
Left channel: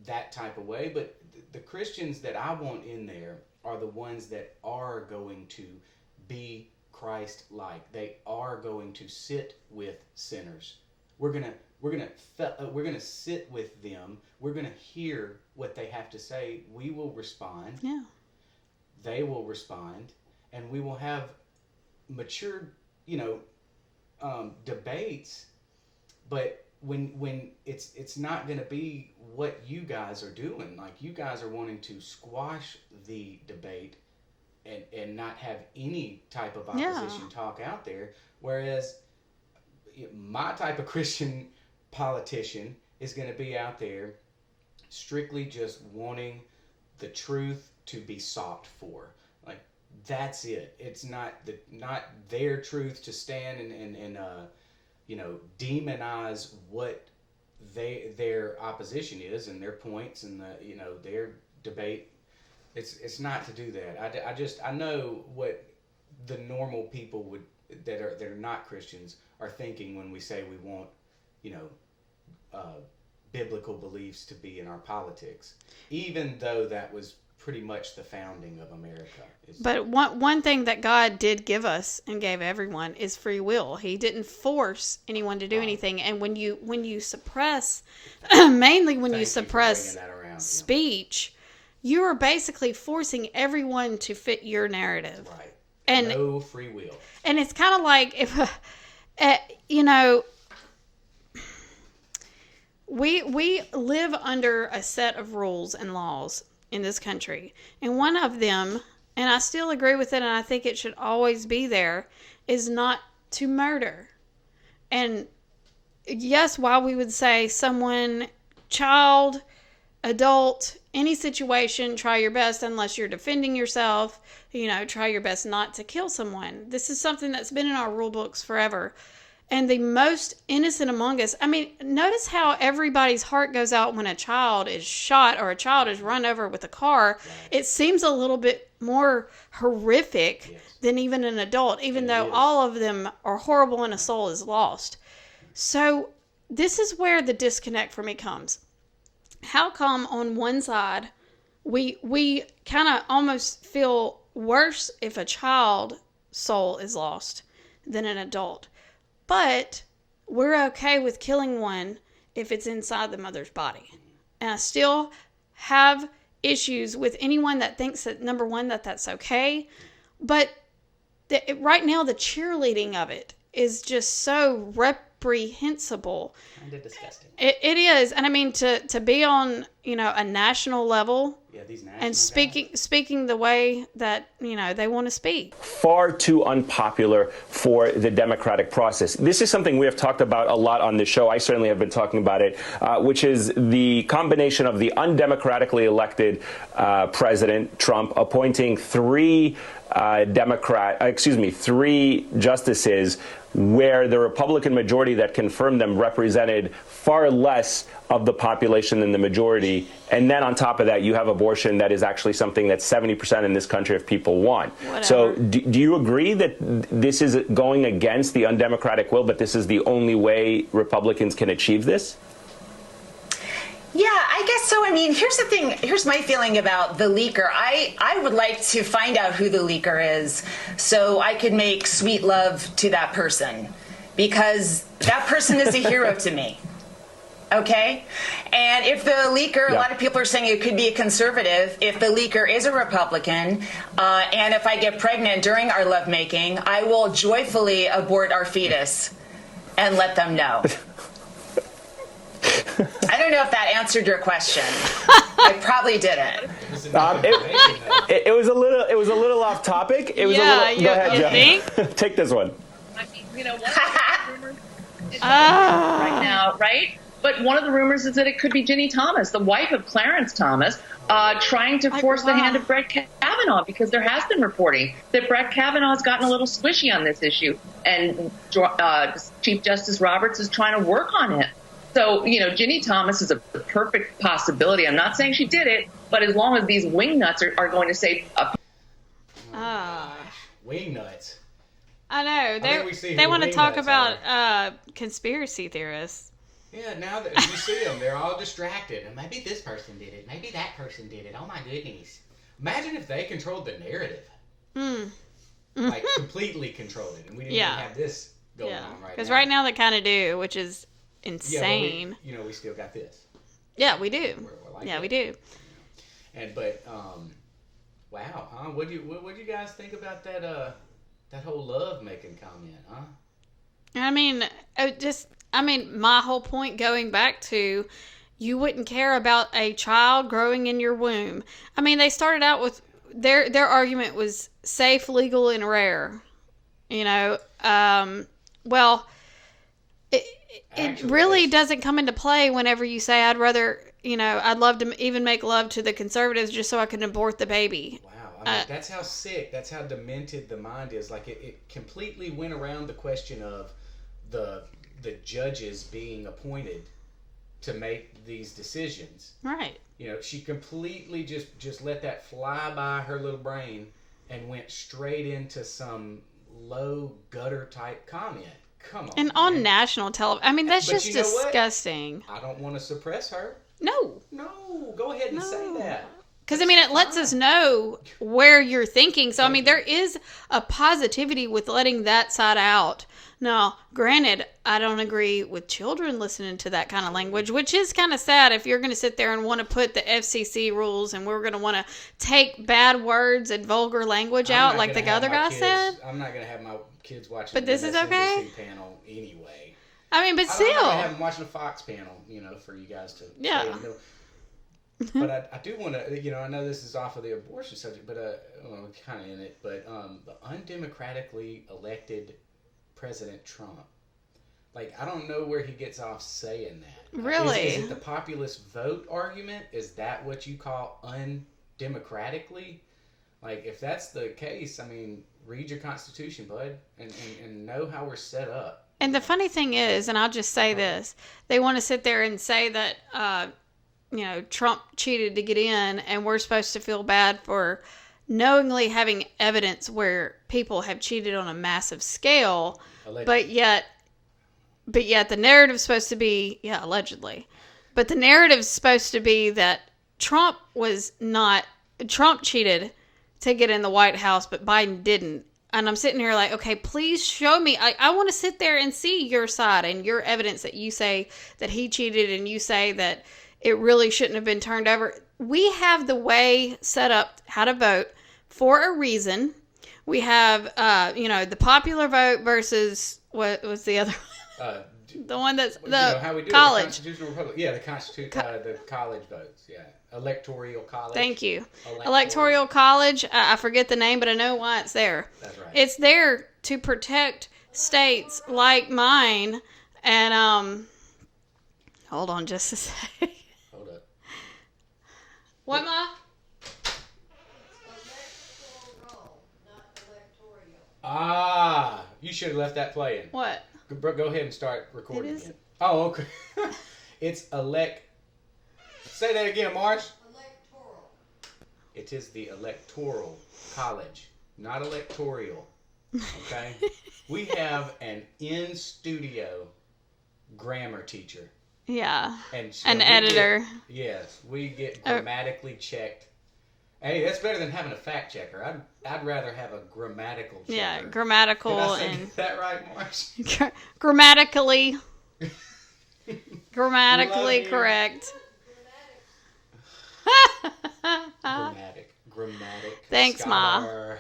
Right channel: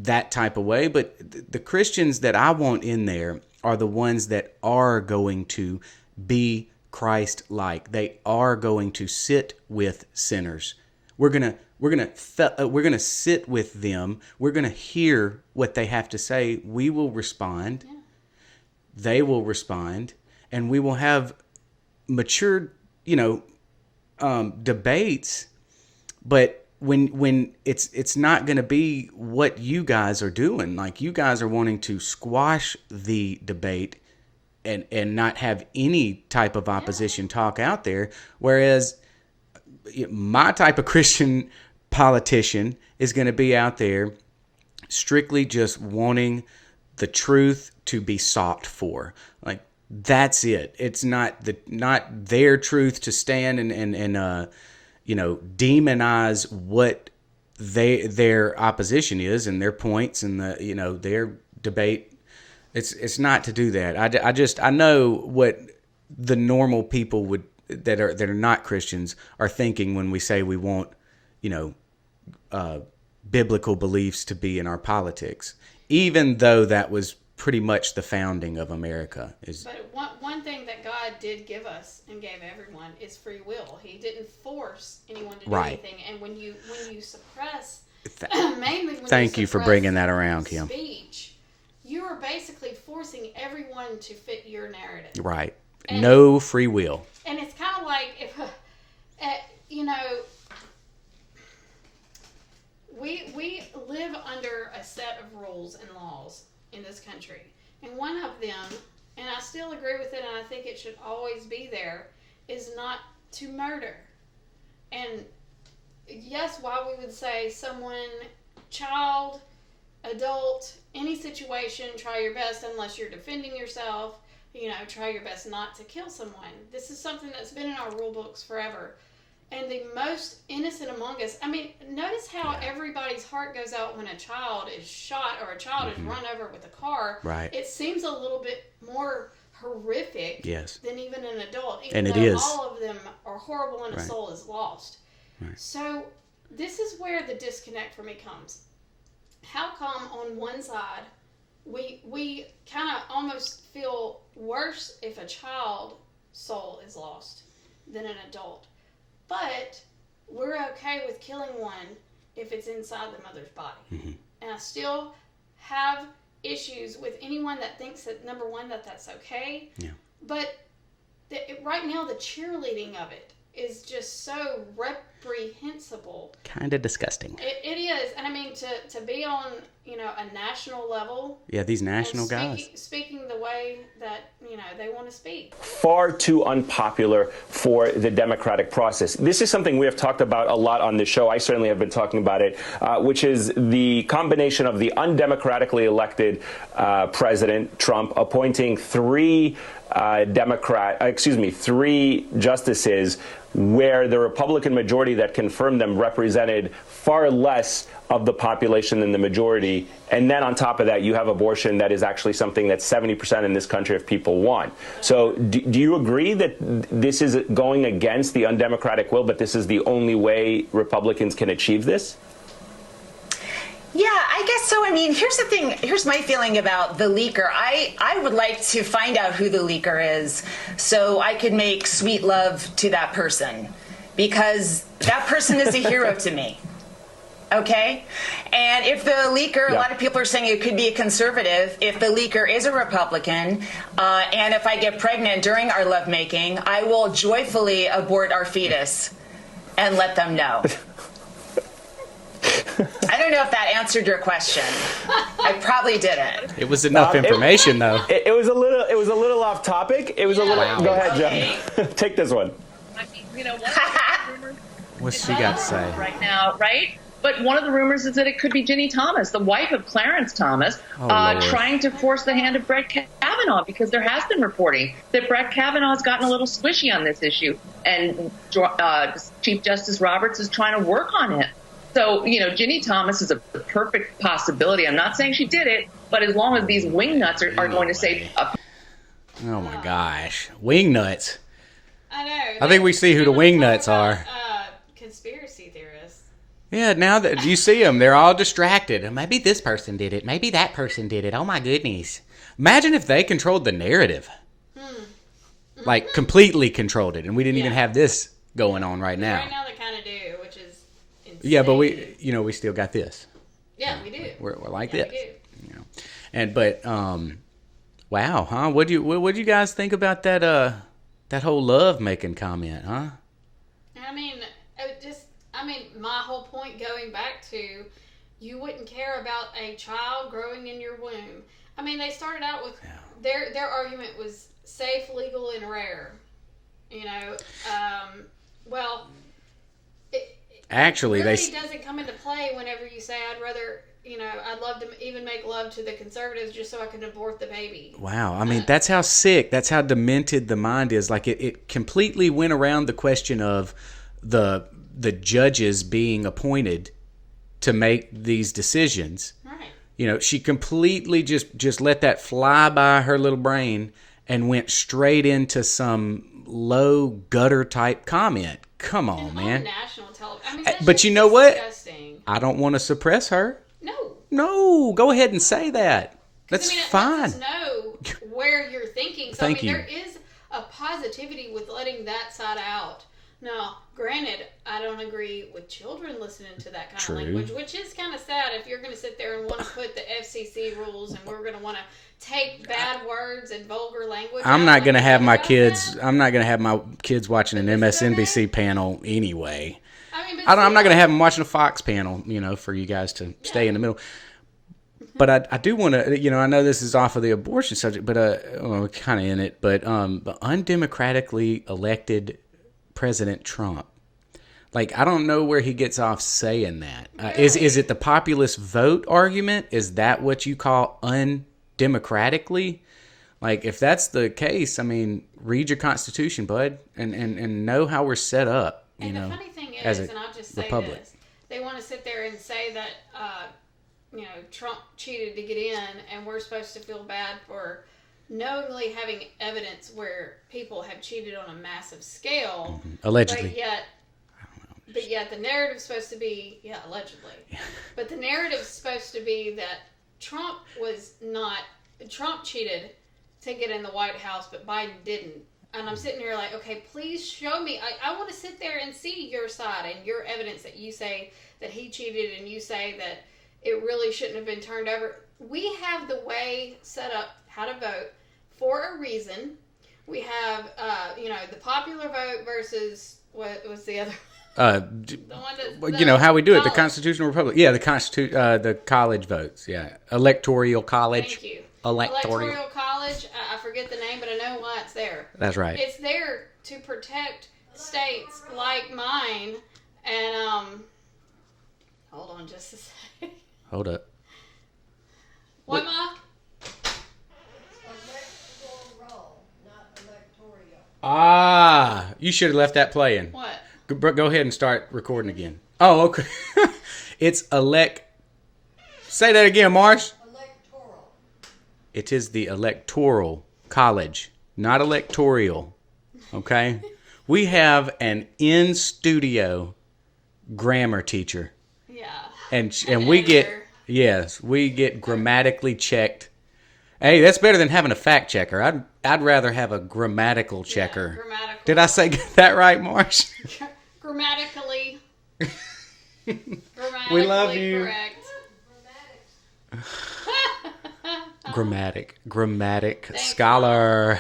that type of way. But the Christians that I want in there are the ones that are going to be Christ-like. They are going to sit with sinners. We're going We're gonna sit with them. We're gonna hear what they have to say. We will respond. Yeah. They will respond, and we will have mature, debates. But when it's not going to be what you guys are doing. Like, you guys are wanting to squash the debate and not have any type of opposition talk out there, whereas my type of Christian politician is going to be out there strictly just wanting the truth to be sought for. Like, that's it. It's not their truth to stand and demonize what their opposition is and their points and their debate. It's not to do that. I know what the normal people that are not Christians are thinking when we say we want, biblical beliefs to be in our politics, even though that was pretty much the founding of America. But one thing that God did give us and gave everyone is free will. He didn't force anyone to do anything. And when you suppress, mainly when you suppress, thank you for bringing that around, Kim. Speech, you are basically forcing everyone to fit your narrative. Right. And no free will. And it's kind of like if, we live under a set of rules and laws in this country. And one of them, and I still agree with it, and I think it should always be there, is not to murder. And yes, while we would say someone, child, adult, any situation, try your best unless you're defending yourself, try your best not to kill someone. This is something that's been in our rule books forever. And the most innocent among us, notice how everybody's heart goes out when a child is shot or a child is run over with a car. Right. It seems a little bit more horrific than even an adult, even though all of them are horrible and a soul is lost. Right. So this is where the disconnect for me comes. How come on one side we kind of almost feel worse if a child soul is lost than an adult? But we're okay with killing one if it's inside the mother's body. Mm-hmm. And I still have issues with anyone that thinks that, number one, that's okay. Yeah. But right now, the cheerleading of it is just so reprehensible. Kind of disgusting. It is. And to be on, a national level. Yeah, these national guys. Speaking the way that, they want to speak. Far too unpopular for the democratic process. This is something we have talked about a lot on this show. I certainly have been talking about it, which is the combination of the undemocratically elected President Trump appointing three justices where the Republican majority that confirmed them represented far less of the population than the majority. And then on top of that, you have abortion that is actually something that 70% in this country of people want. Whatever. So do you agree that this is going against the undemocratic will, but this is the only way Republicans can achieve this? Yeah, I guess so. Here's the thing. Here's my feeling about the leaker. I would like to find out who the leaker is so I could make sweet love to that person, because that person is a hero to me. Okay? And if the leaker, a lot of people are saying it could be a conservative. If the leaker is a Republican, and if I get pregnant during our lovemaking, I will joyfully abort our fetus and let them know. I don't know if that answered your question. I probably didn't. It was enough information, though. It was a little off topic. It was a little. Go ahead, Jeff. Take this one. What's she got to say right now, right? But one of the rumors is that it could be Ginny Thomas, the wife of Clarence Thomas, trying to force the hand of Brett Kavanaugh, because there has been reporting that Brett Kavanaugh has gotten a little squishy on this issue, and Chief Justice Roberts is trying to work on it. So, Ginny Thomas is a perfect possibility. I'm not saying she did it, but as long as these wingnuts are going to say... Oh, my gosh. Wingnuts. I know. I think we see who the wingnuts are. Conspiracy theorists. Yeah, now that you see them, they're all distracted. Maybe this person did it. Maybe that person did it. Oh, my goodness. Imagine if they controlled the narrative. Like, completely controlled it, and we didn't even have this going on right now. Because right now they kind of do, which is insane. Yeah, but we still got this. Yeah, we do. We're like yeah, this. we do. Wow, huh? What do you guys think about that whole love making comment, huh? I mean, my whole point going back to, you wouldn't care about a child growing in your womb. I mean, they started out with their argument was safe, legal, and rare. You know, well, it really doesn't come into play whenever you say, I'd love to even make love to the conservatives just so I can abort the baby. Wow. I mean, that's how sick, that's how demented the mind is. Like, it completely went around the question of the judges being appointed to make these decisions. Right. You know, she completely just let that fly by her little brain and went straight into some low gutter type comment. Come on, and man. on national television. I mean, that's but just you know disgusting. What? I don't want to suppress her. No. No, go ahead and say that. Because, I mean, it lets us know where you're thinking. So, there is a positivity with letting that side out. Now, granted, I don't agree with children listening to that kind of language, which is kind of sad if you're going to sit there and want to put the FCC rules and we're going to want to take bad words and vulgar language out. I'm not going to have my kids. Said. I'm not going to have my kids watching an MSNBC panel anyway. I mean, but I'm not going to have them watching a Fox panel, for you guys to stay in the middle. But I do want to, I know this is off of the abortion subject, but kind of in it. But undemocratically elected President Trump, like, I don't know where he gets off saying that. Really? Is it the populist vote argument? Is that what you call undemocratically? Like, if that's the case, I mean, read your Constitution, bud, and know how we're set up. And the funny thing is, and I'll just say this, they want to sit there and say that, Trump cheated to get in, and we're supposed to feel bad for knowingly having evidence where people have cheated on a massive scale. Allegedly. But yet the narrative's supposed to be, allegedly. But the narrative's supposed to be that Trump cheated to get in the White House, but Biden didn't. And I'm sitting here like, okay, please show me. I want to sit there and see your side and your evidence that you say that he cheated and you say that it really shouldn't have been turned over. We have the way set up how to vote for a reason. We have, the popular vote versus what was the other the one that's how we do college. it, the Constitutional Republic. Yeah, the college votes. Yeah, electoral college. Thank you. Electoral college. I forget the name, but I know why it's there. That's right. It's there to protect states like mine. And hold on just a second. Hold up. What, Ma? Ah, you should have left that playing. What? Go ahead and start recording again. Oh, okay. It's Say that again, Marsh. Electoral. It is the electoral college, not electoral. Okay? We have an in-studio grammar teacher. Yeah. And an we editor. we get grammatically checked. Hey, that's better than having a fact checker. I'd rather have a grammatical checker. Yeah, grammatical. Did I say that right, Marsh? Grammatically correct. Grammatic Thanks, scholar.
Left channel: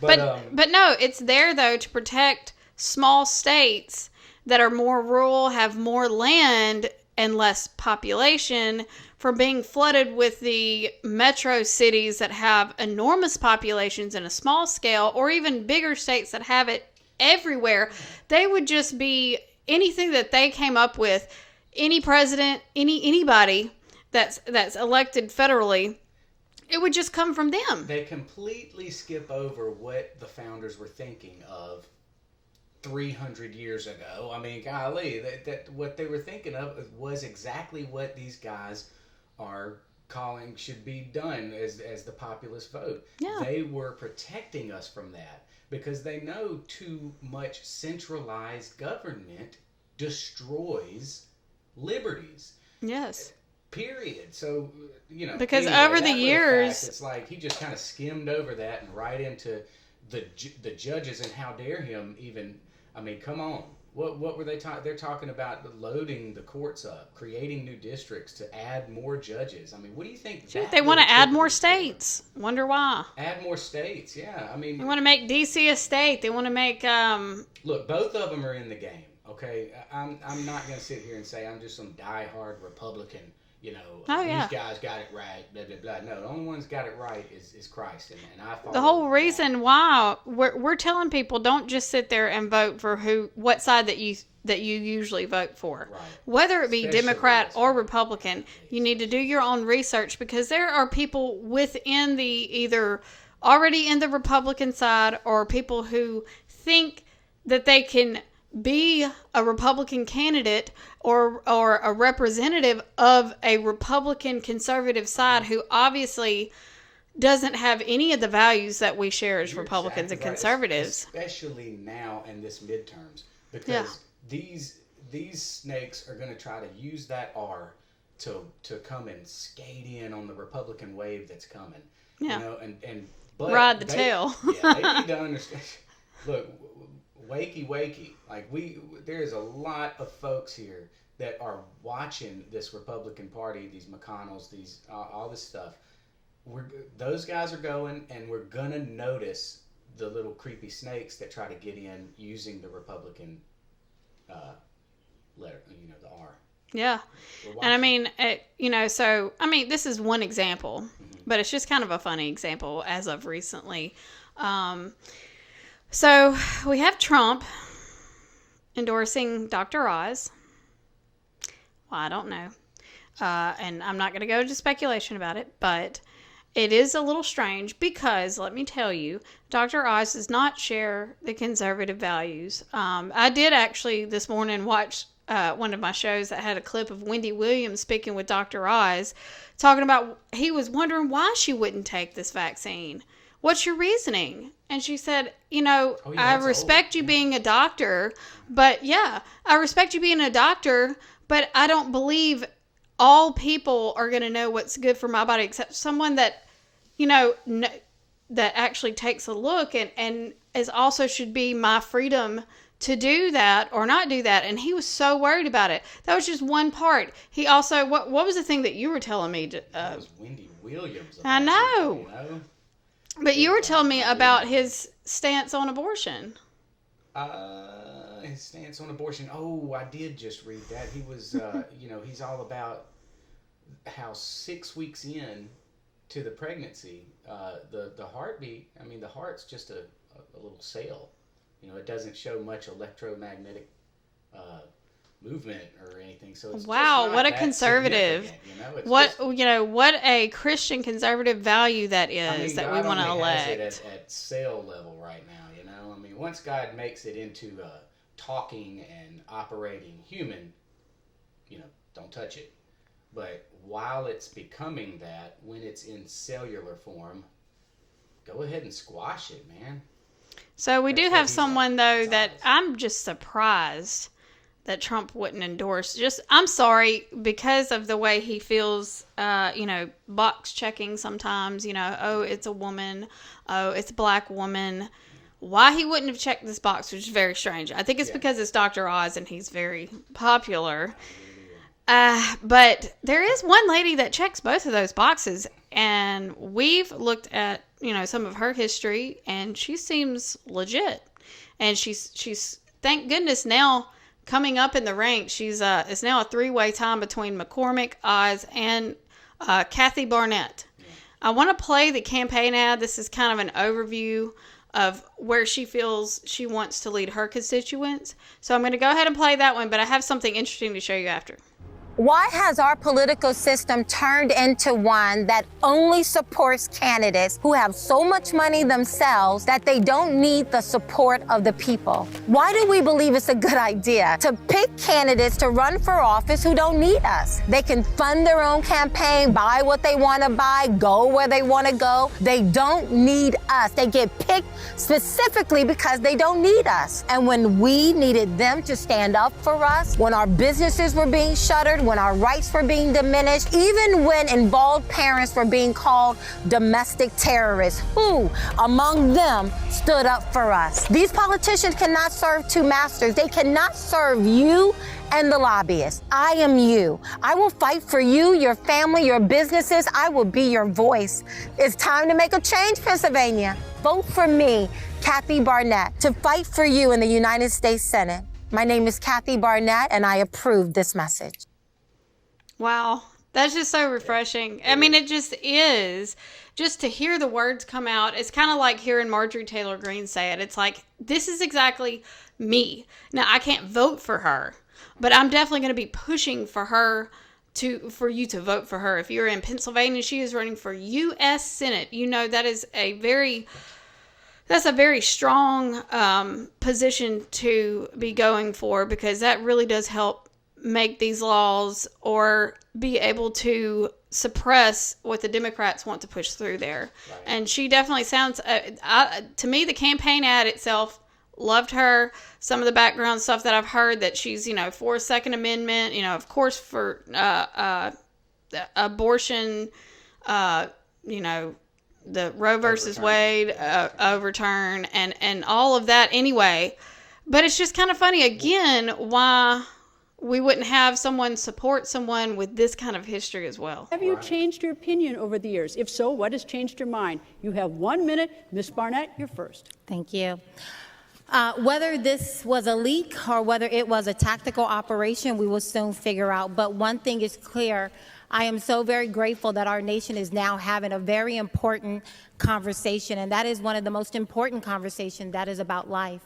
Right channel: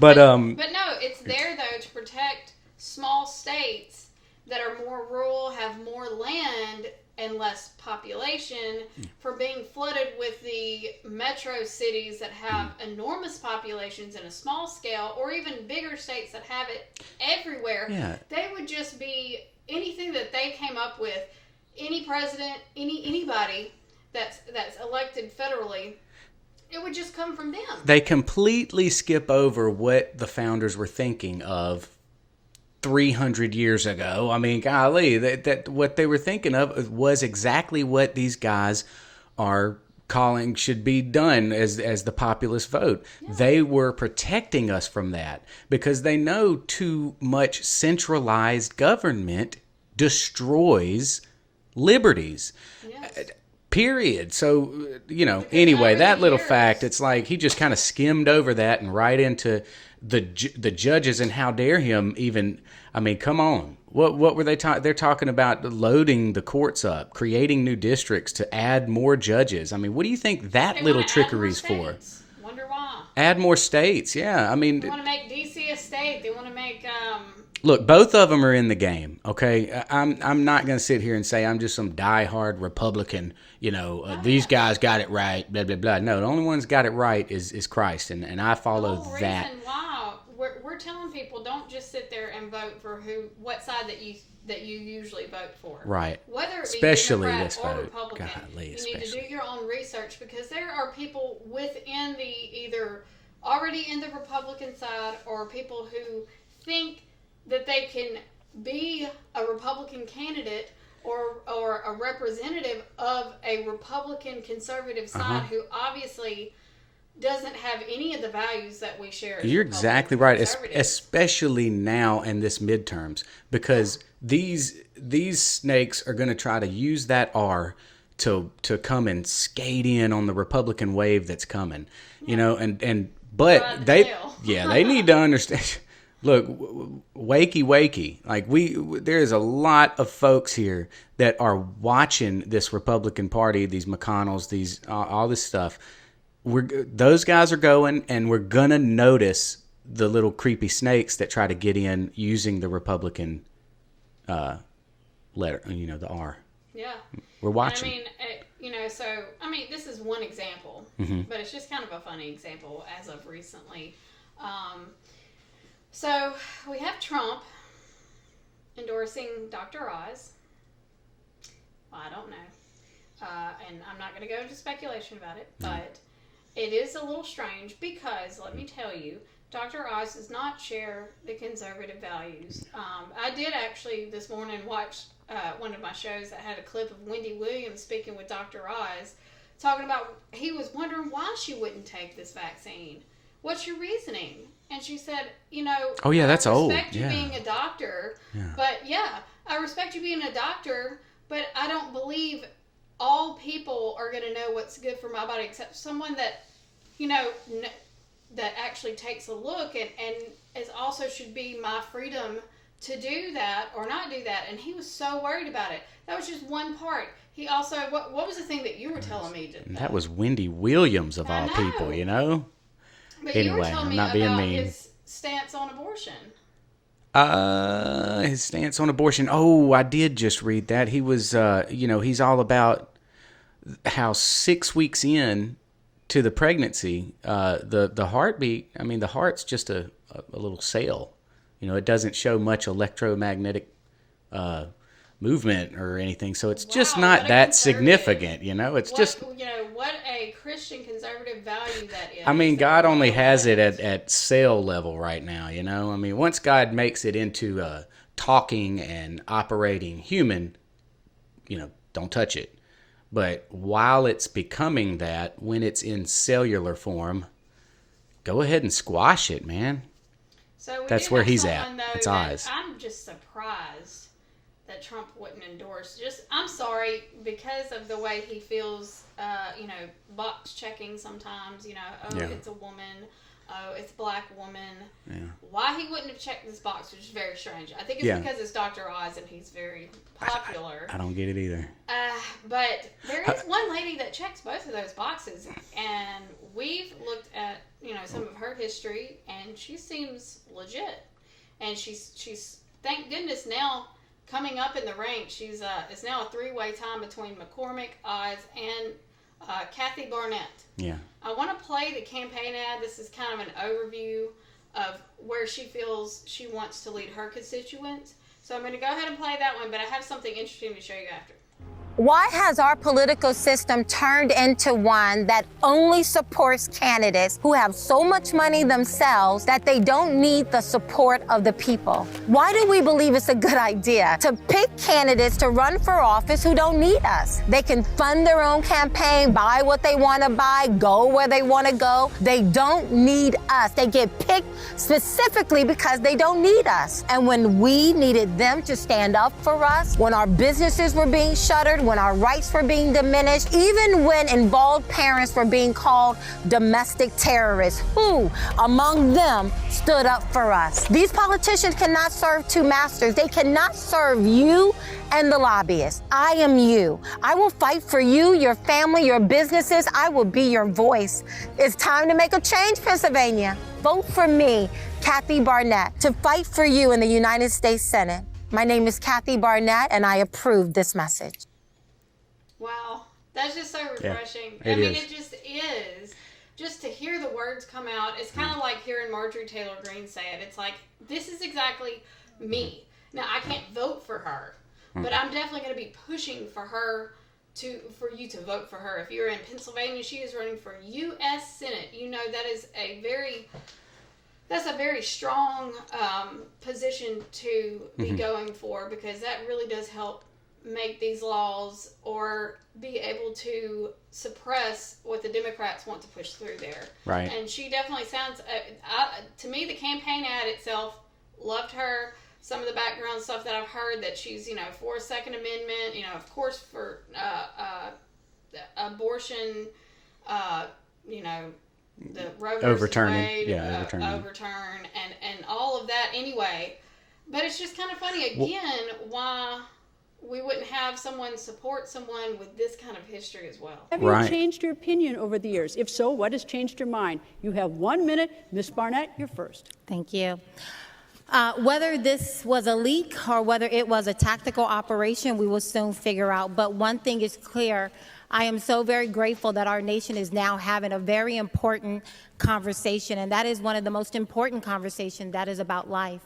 but no, it's there though to protect small states that are more rural, have more land and less population from being flooded with the metro cities that have enormous populations in a small scale, or even bigger states that have it everywhere. Yeah. They would just be anything that they came up with. Any president, anybody that's elected federally, it would just come from them. They completely skip over what the founders were thinking of 300 years ago. I mean, golly, that what they were thinking of was exactly what these guys are calling should be done as the populist vote. Yeah. They were protecting us from that because they know too much centralized government destroys liberties. Yes. Period. So, because anyway, that little years, fact, it's like he just kind of skimmed over that and right into the judges and how dare him even. I mean, come on. What were they talking? They're talking about loading the courts up, creating new districts to add more judges. I mean, what do you think that They little want to add more trickery's for? states. Wonder why. Add more states, yeah. I mean, They want to make DC a state. They want to make look, both of them are in the game. Okay, I'm not going to sit here and say I'm just some diehard Republican. These guys got it right. Blah blah blah. No, the only one's got it right is Christ, and I follow. The whole that. reason why we're telling people don't just sit there and vote for what side that you usually vote for. Right. Whether it be Especially Democrat this or vote. Republican, Golly, you need to do your own research, because there are people within the either already in the Republican side or people who think that they can be a Republican candidate or a representative of a Republican conservative side who obviously doesn't have any of the values that we share as You're Republicans exactly and right, conservatives. especially now in this midterms, because these snakes are going to try to use that R to come and skate in on the Republican wave that's coming. But Ride the tail. They need to understand. Look, wakey. Like there's a lot of folks here that are watching this Republican Party, these McConnells, these all this stuff. Those guys are going, and we're gonna notice the little creepy snakes that try to get in using the Republican letter, the R. Yeah. We're watching. And this is one example, but it's just kind of a funny example as of recently. So we have Trump endorsing Dr. Oz. Well, I don't know. And I'm not going to go into speculation about it, but it is a little strange because, let me tell you, Dr. Oz does not share the conservative values. I did actually this morning watch one of my shows that had a clip of Wendy Williams speaking with Dr. Oz, talking about he was wondering why she wouldn't take this vaccine. What's your reasoning? And she said, I respect you being a doctor, but I respect you being a doctor, but I don't believe all people are going to know what's good for my body except someone that, that actually takes a look and is also should be my freedom to do that or not do that. And he was so worried about it. That was just one part. He also, what was the thing that you were telling me? That was Wendy Williams of all people, But you were telling me about his stance on abortion. His stance on abortion. Oh, I did just read that. He was, he's all about how 6 weeks in to the pregnancy, the heartbeat, the heart's just a little cell. It doesn't show much electromagnetic movement or anything, so it's just not that significant. It's what a Christian conservative value that is. God only has it at cell level right now. Once God makes it into talking and operating human, don't touch it. But while it's becoming that, when it's in cellular form, go ahead and squash it, man. So we do have someone though it's that Oz. I'm just surprised that Trump wouldn't endorse. I'm sorry, because of the way he feels, box checking sometimes, it's a woman, it's a black woman. Yeah. Why he wouldn't have checked this box, which is very strange. I think it's because it's Dr. Oz and he's very popular. I don't get it either. But there is one lady that checks both of those boxes, and we've looked at, some of her history, and she seems legit. And she's thank goodness now coming up in the ranks. She's it's now a 3-way tie between McCormick, Oz, and Kathy Barnett. Yeah. I want to play the campaign ad. This is kind of an overview of where she feels she wants to lead her constituents. So I'm going to go ahead and play that one, but I have something interesting to show you after. Why has our political system turned into one that only supports candidates who have so much money themselves that they don't need the support of the people? Why do we believe it's a good idea to pick candidates to run for office who don't need us? They can fund their own campaign, buy what they want to buy, go where they want to go. They don't need us. They get picked specifically because they don't need us. And when we needed them to stand up for us, when our businesses were being shuttered, when our rights were being diminished, even when involved parents were being called domestic terrorists. Who among them stood up for us? These politicians cannot serve two masters. They cannot serve you and the lobbyists. I am you. I will fight for you, your family, your businesses. I will be your voice. It's time to make a change, Pennsylvania. Vote for me, Kathy Barnett, to fight for you in the United States Senate. My name is Kathy Barnett, and I approve this message. Wow. That's just so refreshing. Yeah, I mean, it just is. Just to hear the words come out, it's kind of like hearing Marjorie Taylor Greene say it. It's like, this is exactly me. Now, I can't vote for her, but I'm definitely going to be pushing for her for you to vote for her. If you're in Pennsylvania, she is running for U.S. Senate. You know, that is that's a very strong position to be going for, because that really does help make these laws or be able to suppress what the Democrats want to push through there. Right. And she definitely sounds, to me, the campaign ad itself, loved her. Some of the background stuff that I've heard, that she's, for Second Amendment, of course, for abortion, the Roe versus Wade overturn and all of that anyway. But it's just kind of funny, again, why we wouldn't have someone support someone with this kind of history as well. Have you changed your opinion over the years? If so, what has changed your mind? You have 1 minute. Ms. Barnett, you're first. Thank you. Whether this was a leak or whether it was a tactical operation, we will soon figure out. But one thing is clear. I am so very grateful that our nation is now having a very important conversation, and that is one of the most important conversations, that is about life.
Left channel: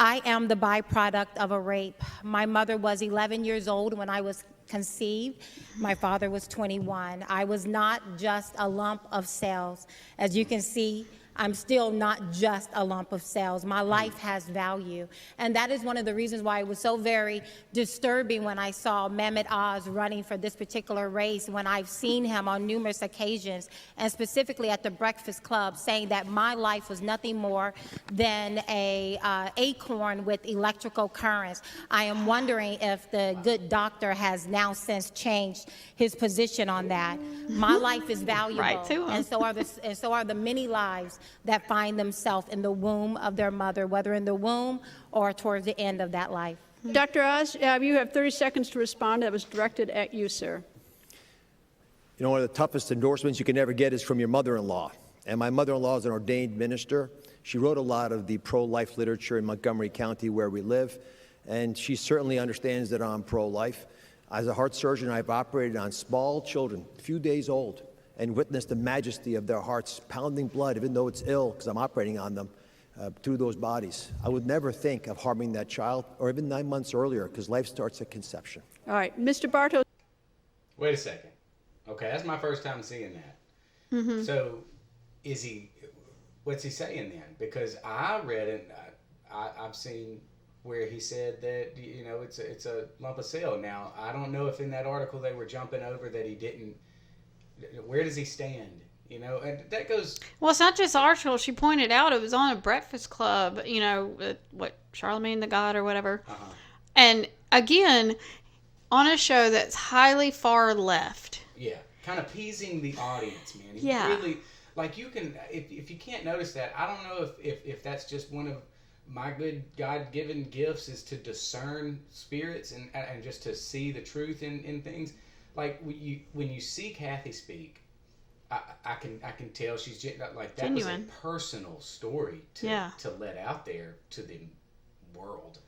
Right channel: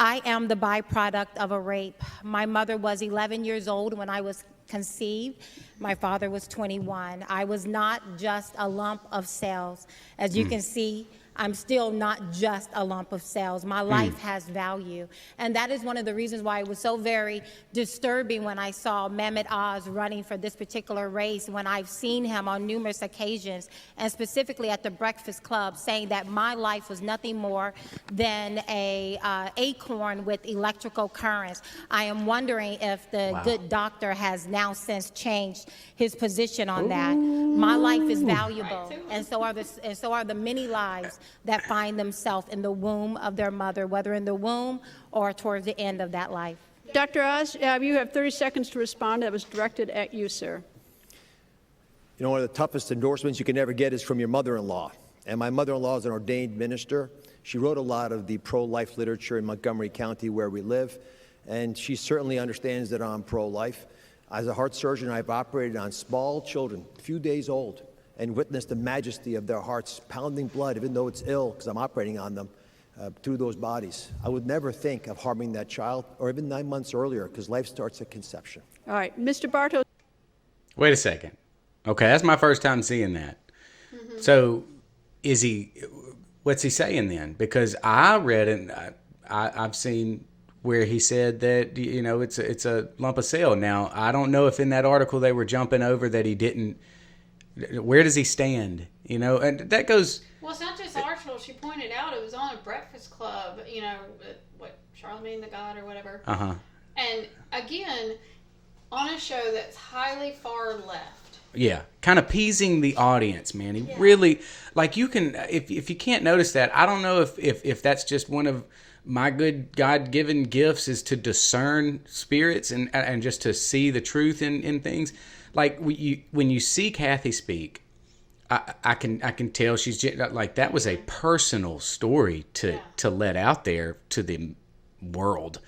I am the byproduct of a rape. My mother was 11 years old when I was conceived. My father was 21. I was not just a lump of cells. As you can see, I'm still not just a lump of cells. My life has value. And that is one of the reasons why it was so very disturbing when I saw Mehmet Oz running for this particular race, when I've seen him on numerous occasions, and specifically at the Breakfast Club, saying that my life was nothing more than a acorn with electrical currents. I am wondering if the good doctor has now since changed his position on that. My life is valuable, and so are the many lives that find themselves in the womb of their mother, whether in the womb or towards the end of that life. Dr. Oz, you have 30 seconds to respond. That was directed at you, sir. You know, one of the toughest endorsements you can ever get is from your mother-in-law. And my mother-in-law is an ordained minister. She wrote a lot of the pro-life literature in Montgomery County where we live, and she certainly understands that I'm pro-life. As a heart surgeon, I've operated on small children, a few days old, and witnessed the majesty of their hearts pounding blood, even though it's ill, because I'm operating on them, through those bodies. I would never think of harming that child, or even 9 months earlier, because life starts at conception. All right, Mr. Bartos. Wait a second. Okay, that's my first time seeing that. So what's he saying then? Because I read it, I've seen where he said that, it's a lump of cell. Now, I don't know if in that article they were jumping over that he didn't. Where does he stand? And that goes. Well, it's not just article. She pointed out it was on a Breakfast Club, Charlemagne the God or whatever. And again, on a show that's highly far left. Yeah, kind of appeasing the audience, man. He really, you can, if you can't notice that, I don't know if that's just one of my good God-given gifts, is to discern spirits and just to see the truth in things. Like when you see Kathy speak, I can tell she's like, that was a personal story to let out there to the world,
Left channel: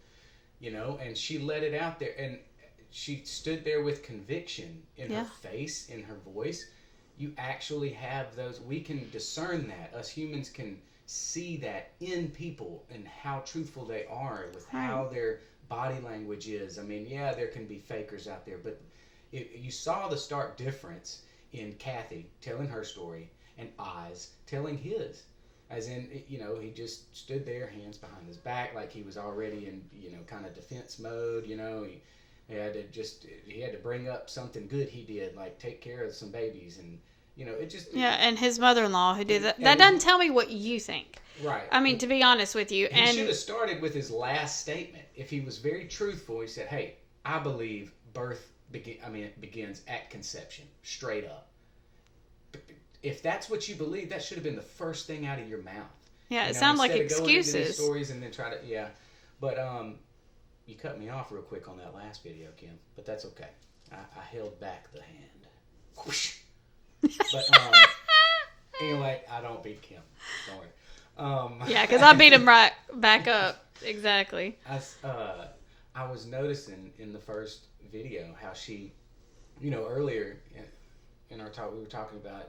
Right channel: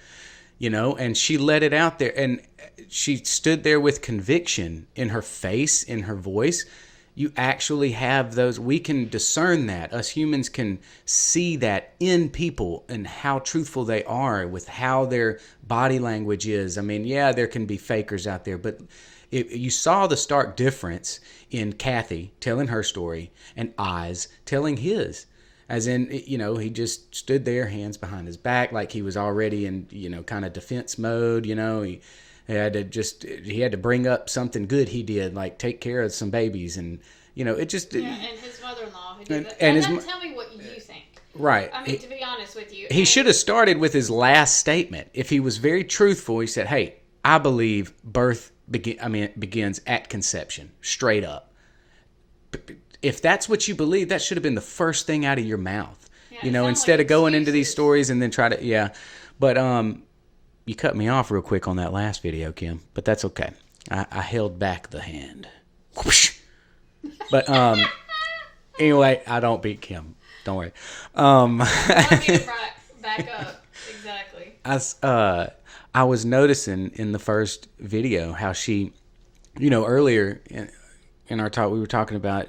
and she let it out there, and she stood there with conviction in her face, in her voice. You actually have those. We can discern that. Us humans can see that in people and how truthful they are with how their body language is. I mean, there can be fakers out there, but you saw the stark difference in Kathy telling her story and Oz telling his. As in, he just stood there, hands behind his back, like he was already in, kind of defense mode. He had to bring up something good he did, like take care of some babies, and it just. Yeah, and his mother-in-law who did that. That doesn't tell me what you think. Right. I mean, to be honest with you, he should have started with his last statement. If he was very truthful, he said, "Hey, I believe birth begins at conception, straight up. If that's what you believe, that should have been the first thing out of your mouth. Yeah, you know, instead of going into these stories and then try to, yeah. But you cut me off real quick on that last video, Kim, but that's okay. I held back the hand. Whoosh. But anyway, I don't beat Kim. Don't worry. I beat him right back up. Exactly. I was noticing in the first video how she, you know, earlier in our talk, we were talking about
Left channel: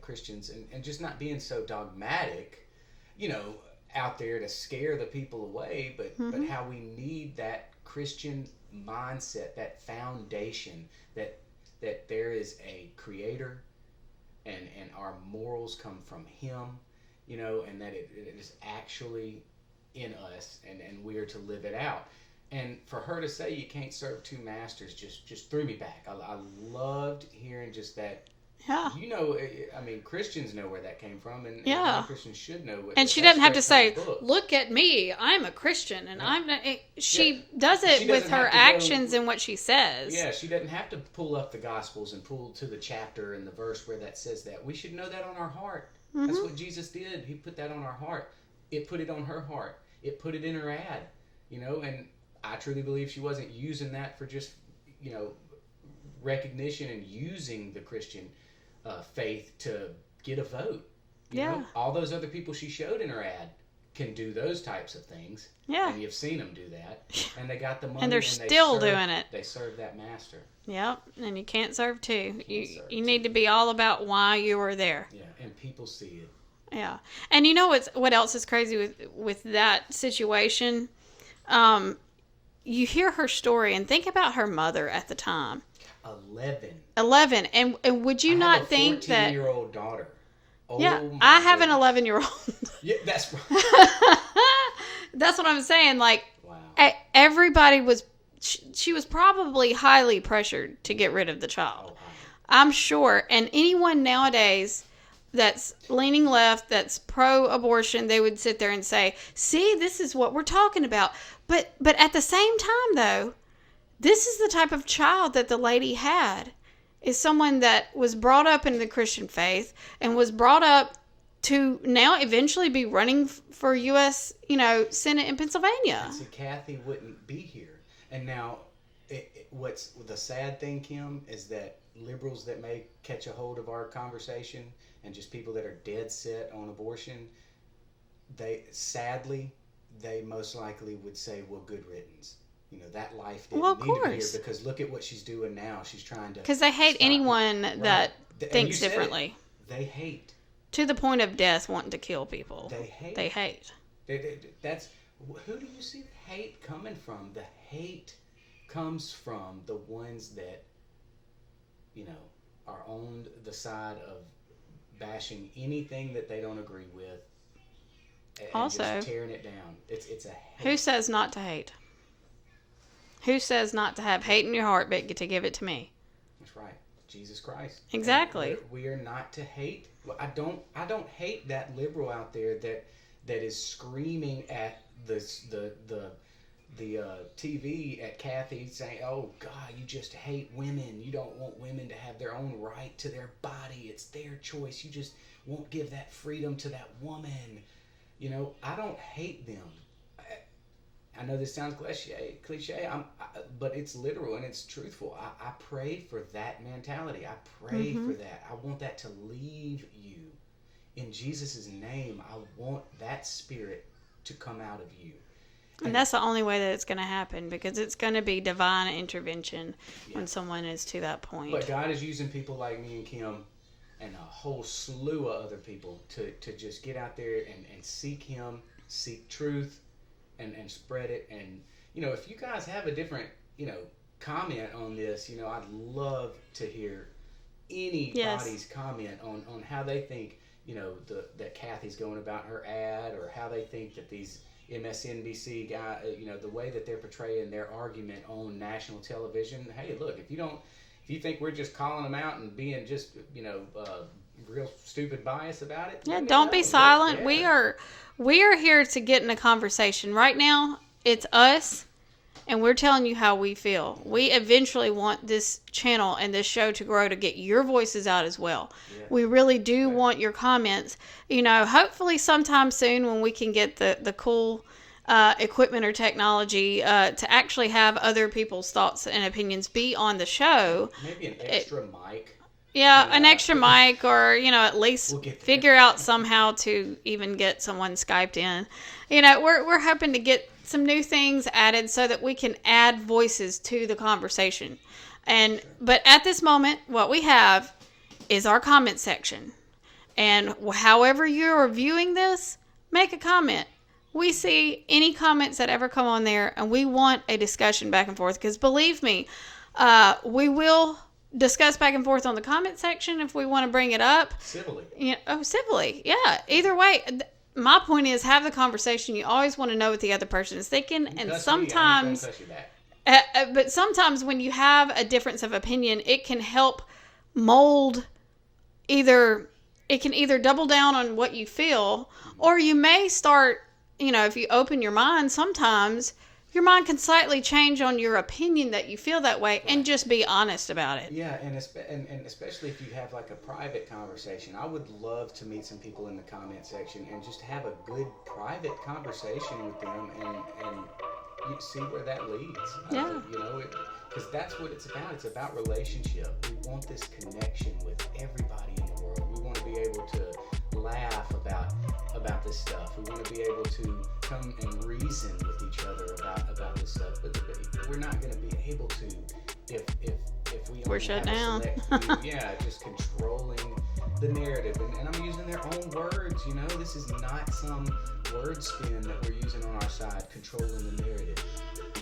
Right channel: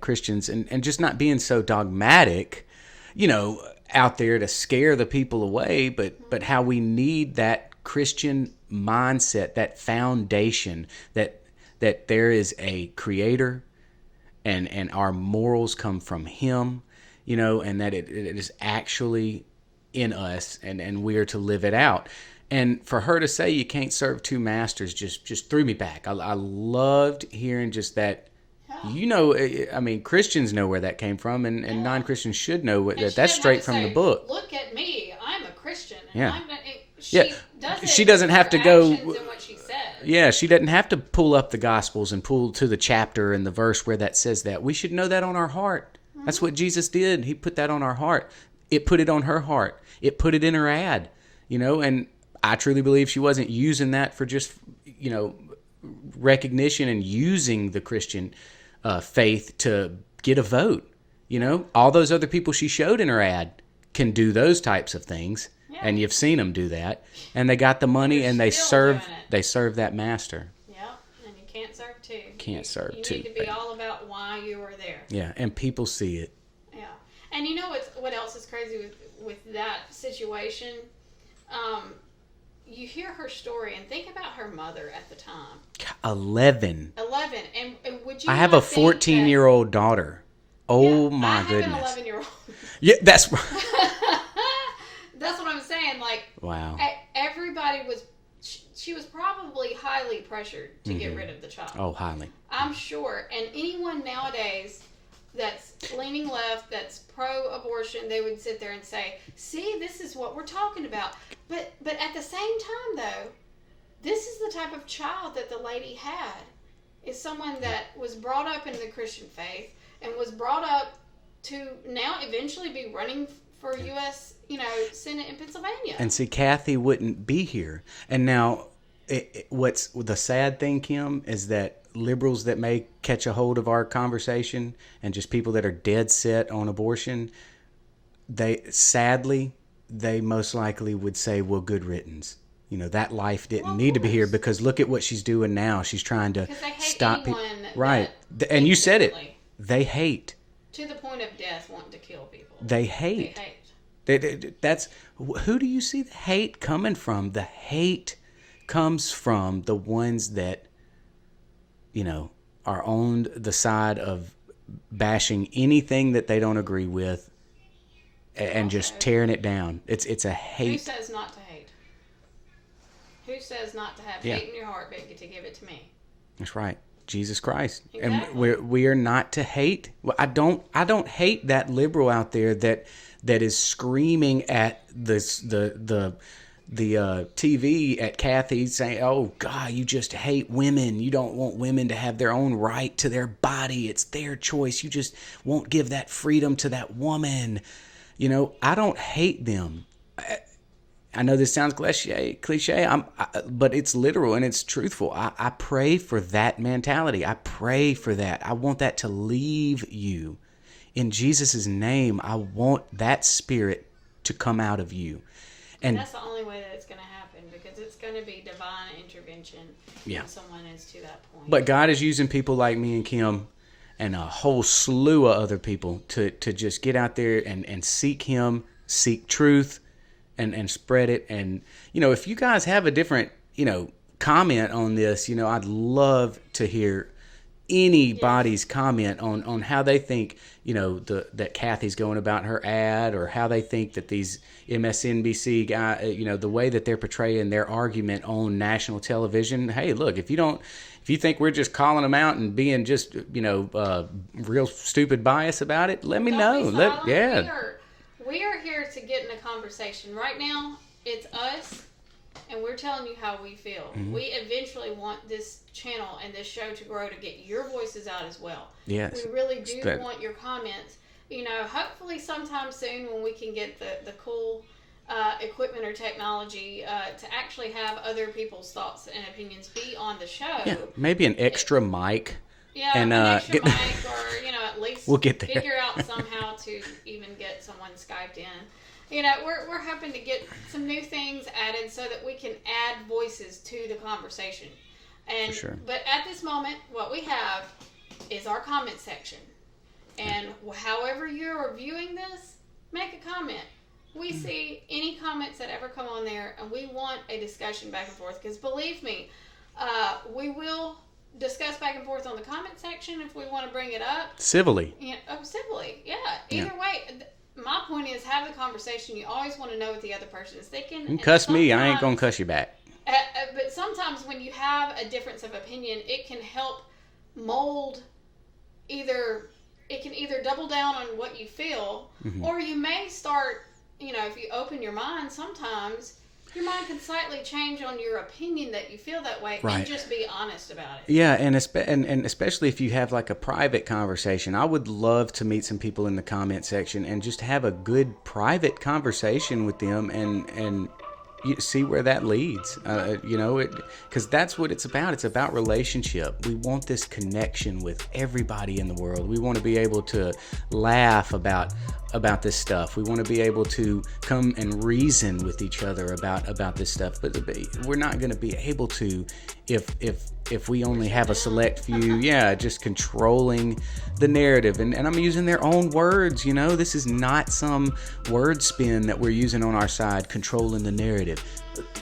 Christians and just not being so dogmatic, you know, out there to scare the people away, but how we need that Christian mindset, that foundation, that there is a creator and our morals come from him, you know, and that it is actually in us and we are to live it out. And for her to say you can't serve two masters just threw me back. I loved hearing just that. Yeah. You know, I mean, Christians know where that came from, and non-Christians should know what and that's she doesn't straight have to from say, the book. Look at me, I'm a Christian, and Yeah. I'm not. She does it. She doesn't with have her to go- actions and what she says. Yeah, she doesn't have to pull up the Gospels and pull to the chapter and the verse where that says that. We should know that on our heart. That's what Jesus did. He put that on our heart. It put it on her heart. It put it in her ad, you know, and I truly believe she wasn't using that for just, you know, recognition and using the Christian faith to get a vote. You know, all those other people she showed in her ad can do those types of things. Yeah. And you've seen them do that. And they got the money and they still serve doing it. they serve that master. Yep, and you can't serve two. Serve You two. need to be all about why you were there. Yeah, and people see it. Yeah, and you know what else is crazy with that situation? You hear her story and think about her mother at the time. 11. 11, and would you? I have not a think that- 14-year-old daughter. Oh Yeah, my I have goodness. an 11-year-old. Yeah, that's That's what I'm saying. Like, wow. Everybody was. She was probably highly pressured to get rid of the child. Oh, highly. I'm sure. And anyone nowadays that's leaning left, that's pro-abortion, they would sit there and say, "See, this is what we're talking about." But at the same time, though, this is the type of child that the lady had. Is someone that was brought up in the Christian faith and was brought up to now eventually be running for U.S. Senate in Pennsylvania. And see, Kathy wouldn't be here. And now, what's the sad thing, Kim, is that liberals that may catch a hold of our conversation and just people that are dead set on abortion, they most likely would say, well, good riddance. You know, that life didn't need to be here because look at what she's doing now. She's trying to because they hate stop anyone right. that And you thinks said differently. it. They hate. To the point of death, wanting to kill people. They hate. They hate. That's who do you see the hate coming from? The hate comes from the ones that, are on the side of bashing anything that they don't agree with and Also, just tearing it down. It's a hate. Who says not to hate? Who says not to have hate in your heart, but to give it to me? That's right. Jesus Christ. Exactly. And we are not to hate. Well, I don't hate that liberal out there that is screaming at the TV at Kathy saying, "Oh God, you just hate women. You don't want women to have their own right to their body. It's their choice. You just won't give that freedom to that woman." I don't hate them. I know this sounds cliche, but it's literal and it's truthful. I pray for that mentality. I pray for that. I want that to leave you. In Jesus' name, I want that spirit to come out of you. And that's the only way that it's going to happen, because it's going to be divine intervention when someone is to that point. But God is using people like me and Kim and a whole slew of other people to just get out there and seek Him, seek truth, and spread it. And, if you guys have a different, comment on this, I'd love to hear anybody's comment on how they think, that Kathy's going about her ad, or how they think that these MSNBC guy, the way that they're portraying their argument on national television. Hey, look, if you think we're just calling them out and being just, real stupid bias about it, let me know. Don't be silent. We are here to get in a conversation. Right now, it's us and we're telling you how we feel. We eventually want this channel and this show to grow to get your voices out as well. Yes. We really do want your comments. You know, hopefully sometime soon when we can get the cool equipment or technology to actually have other people's thoughts and opinions be on the show. Yeah, maybe an extra mic. Yeah, and, an extra mic, or, you know, at least we'll get there. Figure out somehow to even get someone Skyped in. You know, we're hoping to get some new things added so that we can add voices to the conversation. And but at this moment, what we have is our comment section. And however you're viewing this, make a comment. We see any comments that ever come on there, and we want a discussion back and forth. Because believe me, we will discuss back and forth on the comment section if we want to bring it up civilly. Civilly. Yeah. Either way, my point is, have the conversation. You always want to know what the other person is thinking. You cuss me, I ain't gonna cuss you back. But sometimes when you have a difference of opinion, it can help mold either double down on what you feel, or you may start, you know, if you open your mind, sometimes your mind can slightly change on your opinion that you feel that way, and just be honest about it. Yeah, and especially if you have like a private conversation. I would love to meet some people in the comment section and just have a good private conversation with them and you see where that leads. You know, because that's what it's about. It's about relationship. We want this connection with everybody in the world. We want to be able to laugh about this stuff. We want to be able to come and reason with each other about this stuff. But we're not going to be able to if we only have a select few. Just controlling the narrative. And I'm using their own words. You know, this is not some word spin that we're using on our side, controlling the narrative.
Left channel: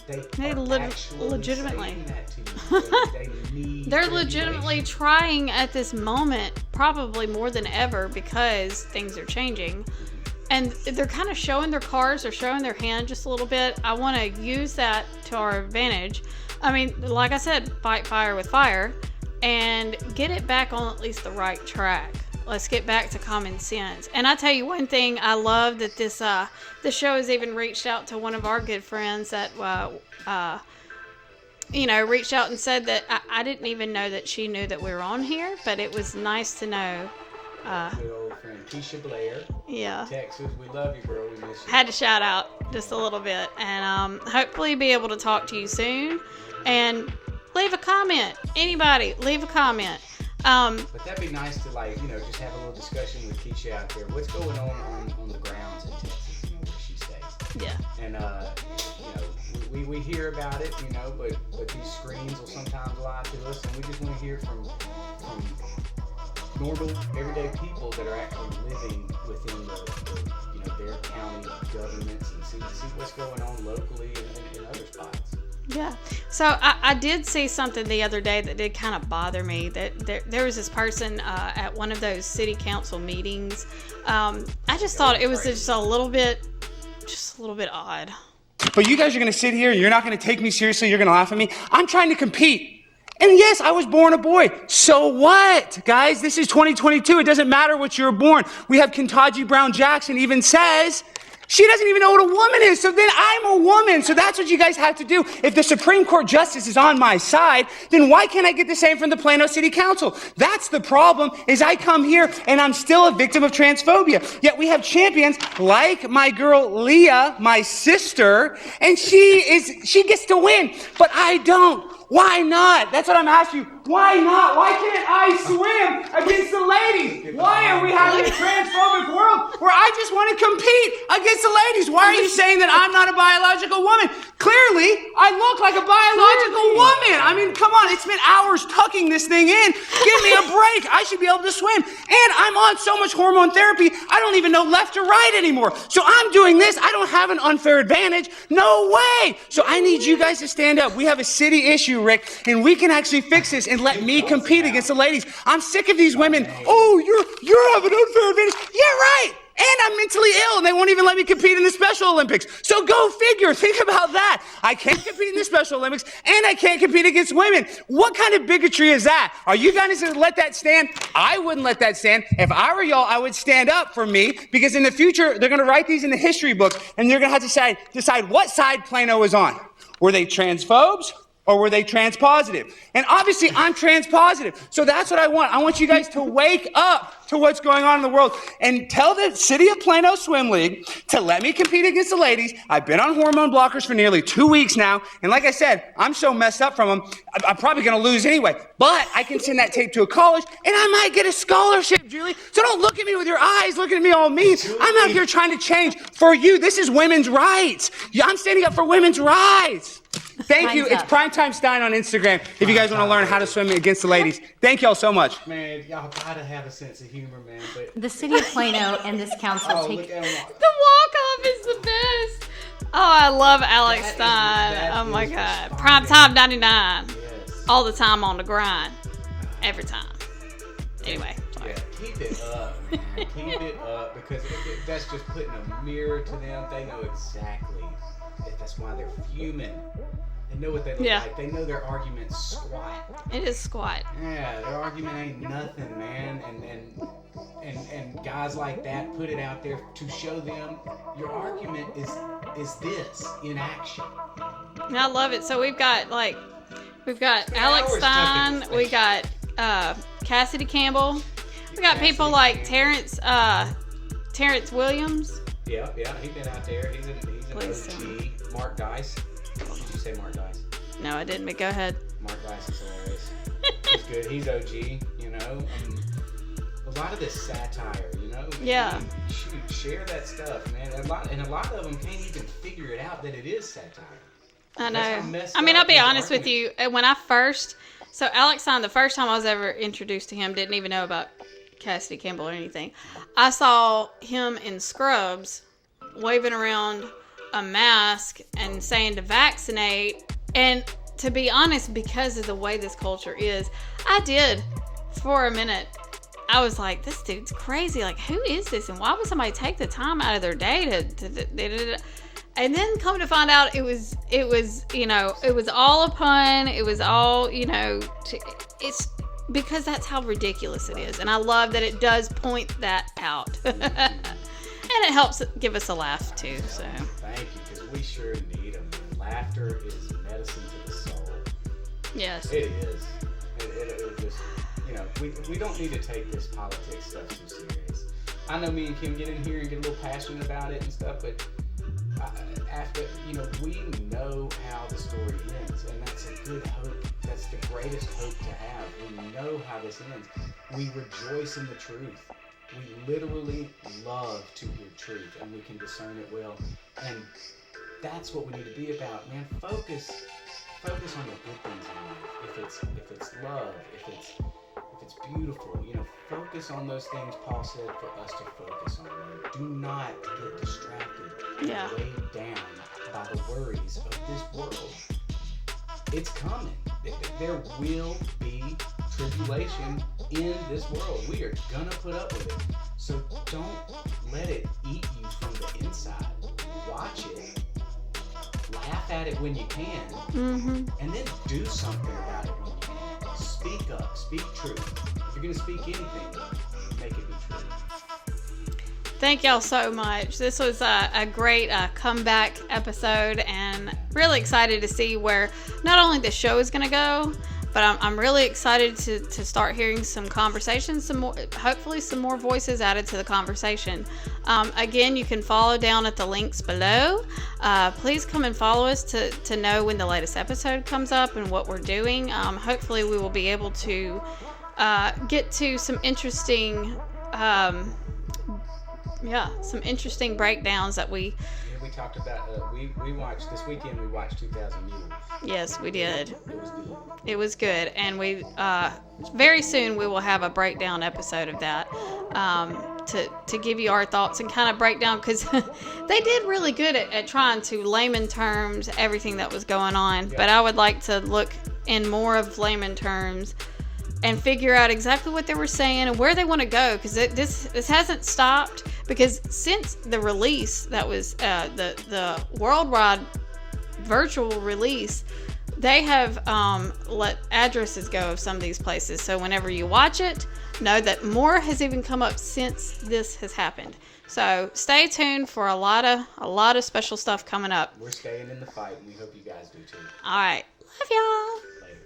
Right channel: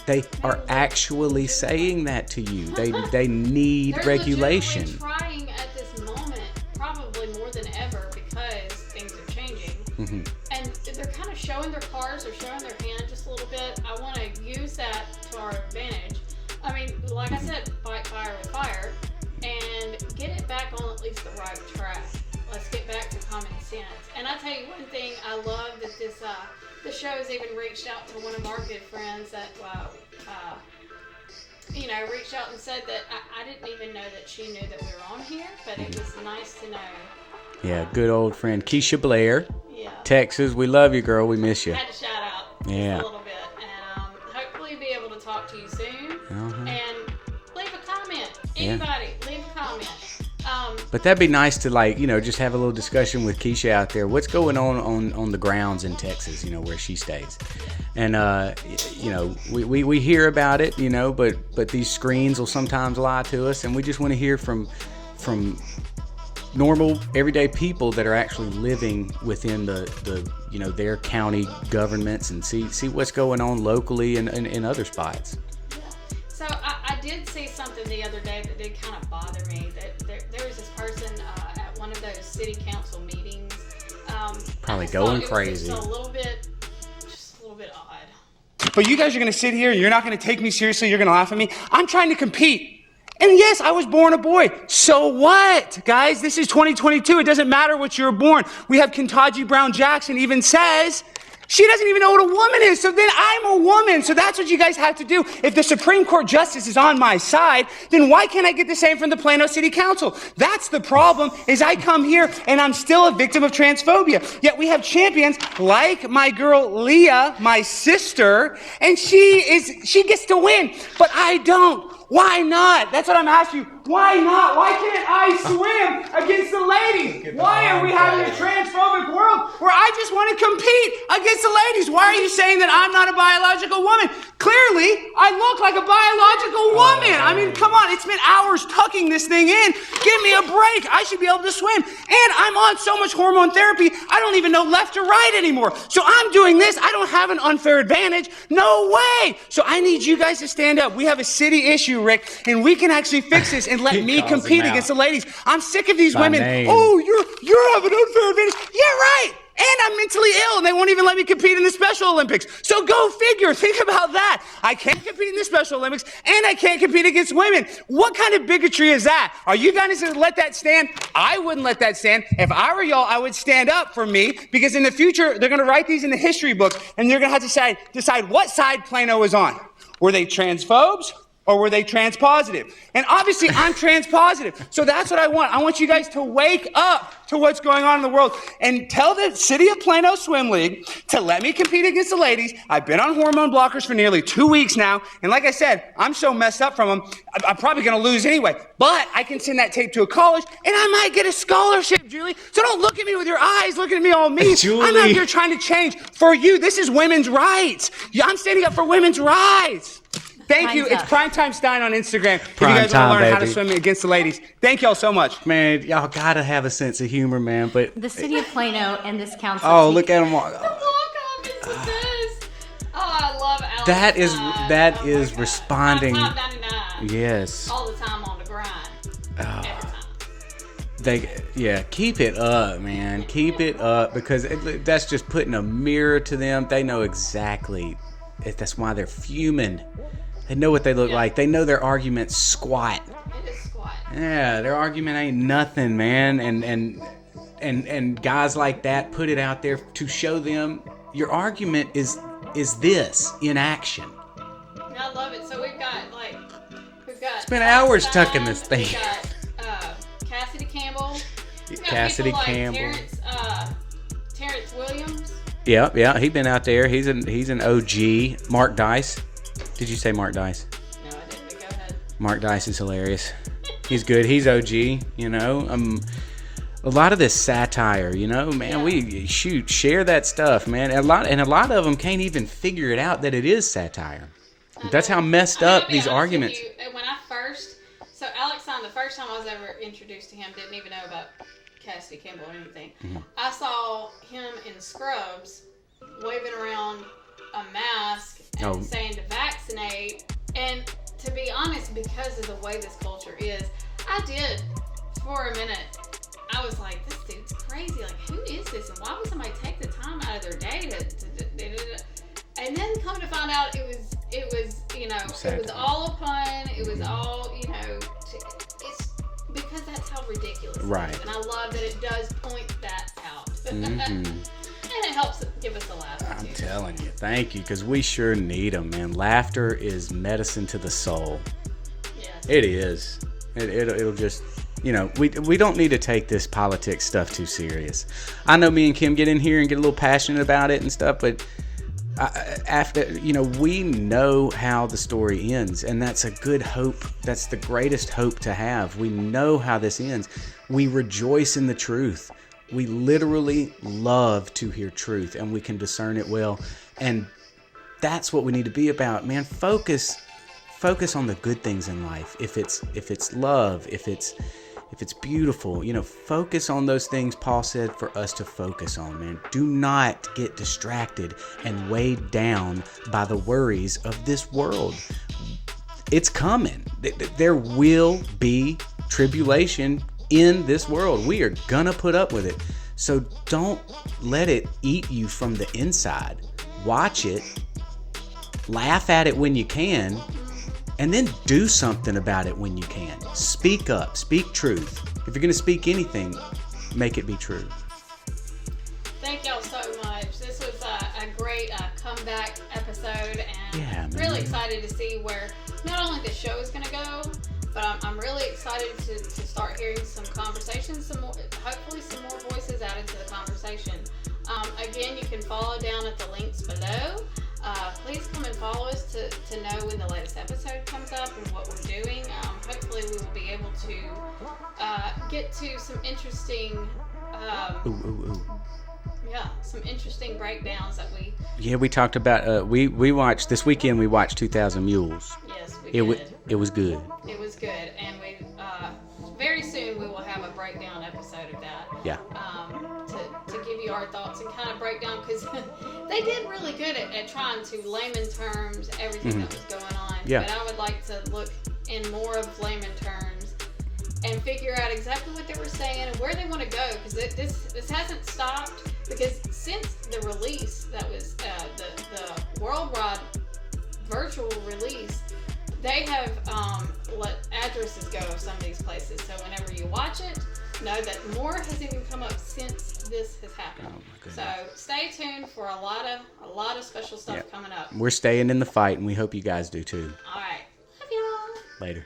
They are actually saying that to you. They need They're regulation. They're legitimately trying at this moment, probably more than ever, because things are changing. And they're kind of showing their cards or showing their hand just a little bit. I want to use that to our advantage. I mean, like I said, fight fire with fire and get it back on at least the right track. Let's get back to common sense. And I tell you one thing, I love that this show has even reached out to one of our good friends that reached out and said that I didn't even know that she knew that we were on here, but it was nice to know. Yeah, good old friend Keisha Blair. Yeah. Texas, we love you, girl. We miss you. Had to shout out just a little bit, and hopefully be able to talk to you soon. And leave a comment. Anybody, leave a comment. But that'd be nice to, like, you know, just have a little discussion with Keisha out there. What's going on the grounds in Texas, you know, where she stays. Yeah. And, you know, we hear about it, you know, but these screens will sometimes lie to us, and we just want to hear from normal, everyday people that are actually living within the you know, their county governments, and see what's going on locally and in other spots. Yeah. So I did see something the other day that did kind of bother me. That there was this person at one of those city council meetings. I just thought it was just a little bit odd. But you guys are going to sit here and you're not going to take me seriously. You're going to laugh at me. I'm trying to compete. And yes, I was born a boy. So what, guys? This is 2022. It doesn't matter what you were born. We have Ketanji Brown Jackson even says she doesn't even know what a woman is. So then I'm a woman. So that's what you guys have to do. If the Supreme Court justice is on my side, then why can't I get the same from the Plano City Council? That's the problem, is I come here and I'm still a victim of transphobia. Yet we have champions like my girl Leah, my sister, and she gets to win, but I don't. Why not? That's what I'm asking you. Why not? Why can't I swim against the ladies? Why are we having a transphobic world where I just want to compete against the ladies? Why are you saying that I'm not a biological woman? Clearly, I look like a biological woman. I mean, come on. It's been hours tucking this thing in. Give me a break. I should be able to swim. And I'm on so much hormone therapy, I don't even know left or right anymore. So I'm doing this. I don't have an unfair advantage. No way. So I need you guys to stand up. We have a city issue, Rick, and we can actually fix this and let me compete against the ladies. I'm sick of these women. Oh, you're having an unfair advantage. Yeah, right. And I'm mentally ill, and they won't even let me compete in the Special Olympics. So go figure. Think about that. I can't compete in the Special Olympics, and I can't compete against women. What kind of bigotry is that? Are you guys going to let that stand? I wouldn't let that stand. If I were y'all, I would stand up for me, because in the future, they're going to write these in the history books, and they're going to have to decide what side Plano is on. Were they transphobes or were they transpositive? And obviously I'm transpositive. So that's what I want. I want you guys to wake up to what's going on in the world and tell the City of Plano Swim League to let me compete against the ladies. I've been on hormone blockers for nearly 2 weeks now. And like I said, I'm so messed up from them, I'm probably going to lose anyway. But I can send that tape to a college and I might get a scholarship, Julie. So don't look at me with your eyes looking at me all mean. I'm out here trying to change for you. This is women's rights. I'm standing up for women's rights. Thank you. It's Primetime Stein on Instagram. If you guys want to learn how to swim against the ladies. Thank y'all so much. Man, y'all gotta have a sense of humor, man. But the City of Plano and this council. Oh, look at them walk. The walk-off is the best. Oh, I love Alex. That is responding. Primetime 99. Yes. All the time on the grind. Every time. Keep it up, man. Keep it up, because that's just putting a mirror to them. They know exactly. That's why they're fuming. They know what they look like. They know their argument's squat. It is squat. Yeah, their argument ain't nothing, man. And guys like that put it out there to show them your argument is this in action. I love it. So we've got Spent Alex hours Stein, tucking this thing. We got Cassidy Campbell. We got Cassidy people like Campbell. Terrence Williams. Yeah, he's been out there. He's an OG. Mark Dice. Did you say Mark Dice? No, I didn't, but go ahead. Mark Dice is hilarious. He's good. He's OG, you know. A lot of this satire, you know, man, we share that stuff, man. A lot of them can't even figure it out that it is satire. That's how messed up these arguments. I'll be honest with you. When I first, so Alex Stein, the first time I was ever introduced to him, didn't even know about Cassidy Campbell or anything. Mm-hmm. I saw him in scrubs waving around a mask and saying to vaccinate. And to be honest, because of the way this culture is, I did for a minute. I was like, this dude's crazy. Like, who is this? And why would somebody take the time out of their day to and then come to find out it was, you know, it was all a pun. It was all, you know, it's because that's how ridiculous it is. And I love that it does point that out. Mm-hmm. And it helps give us a laugh, too. I'm telling you. Thank you, because we sure need them, man. Laughter is medicine to the soul. Yes. It is. It'll just, you know, we don't need to take this politics stuff too serious. I know me and Kim get in here and get a little passionate about it and stuff, but after, you know, we know how the story ends, and that's a good hope. That's the greatest hope to have. We know how this ends. We rejoice in the truth. We literally love to hear truth, and we can discern it well. And that's what we need to be about, man. Focus on the good things in life. If it's love, if it's beautiful, you know, focus on those things Paul said for us to focus on, man. Do not get distracted and weighed down by the worries of this world. It's coming. There will be tribulation in this world. We are gonna put up with it. So don't let it eat you from the inside. Watch it, laugh at it when you can, and then do something about it when you can. Speak up, speak truth. If you're gonna speak anything, make it be true. Thank y'all so much. This was a great comeback episode, and really excited to see where not only the show is going to go, but I'm really excited to start hearing some conversations, hopefully some more voices added to the conversation. Again, you can follow down at the links below. Please come and follow us to know when the latest episode comes up and what we're doing. Hopefully we will be able to get to some interesting some interesting breakdowns that we talked about. We watched this weekend. We watched 2,000 Mules. Yes, we did. It was good. It was good, and we very soon we will have a breakdown episode of that. Yeah. To give you our thoughts and kind of break down, because they did really good at trying to layman terms everything that was going on. Yeah. But I would like to look in more of layman terms and figure out exactly what they were saying and where they want to go, because this hasn't stopped. Because since the release, that was the worldwide virtual release, they have let addresses go of some of these places. So whenever you watch it, know that more has even come up since this has happened. So stay tuned for a lot of special stuff coming up. We're staying in the fight, and we hope you guys do too. All right. Love y'all. Later.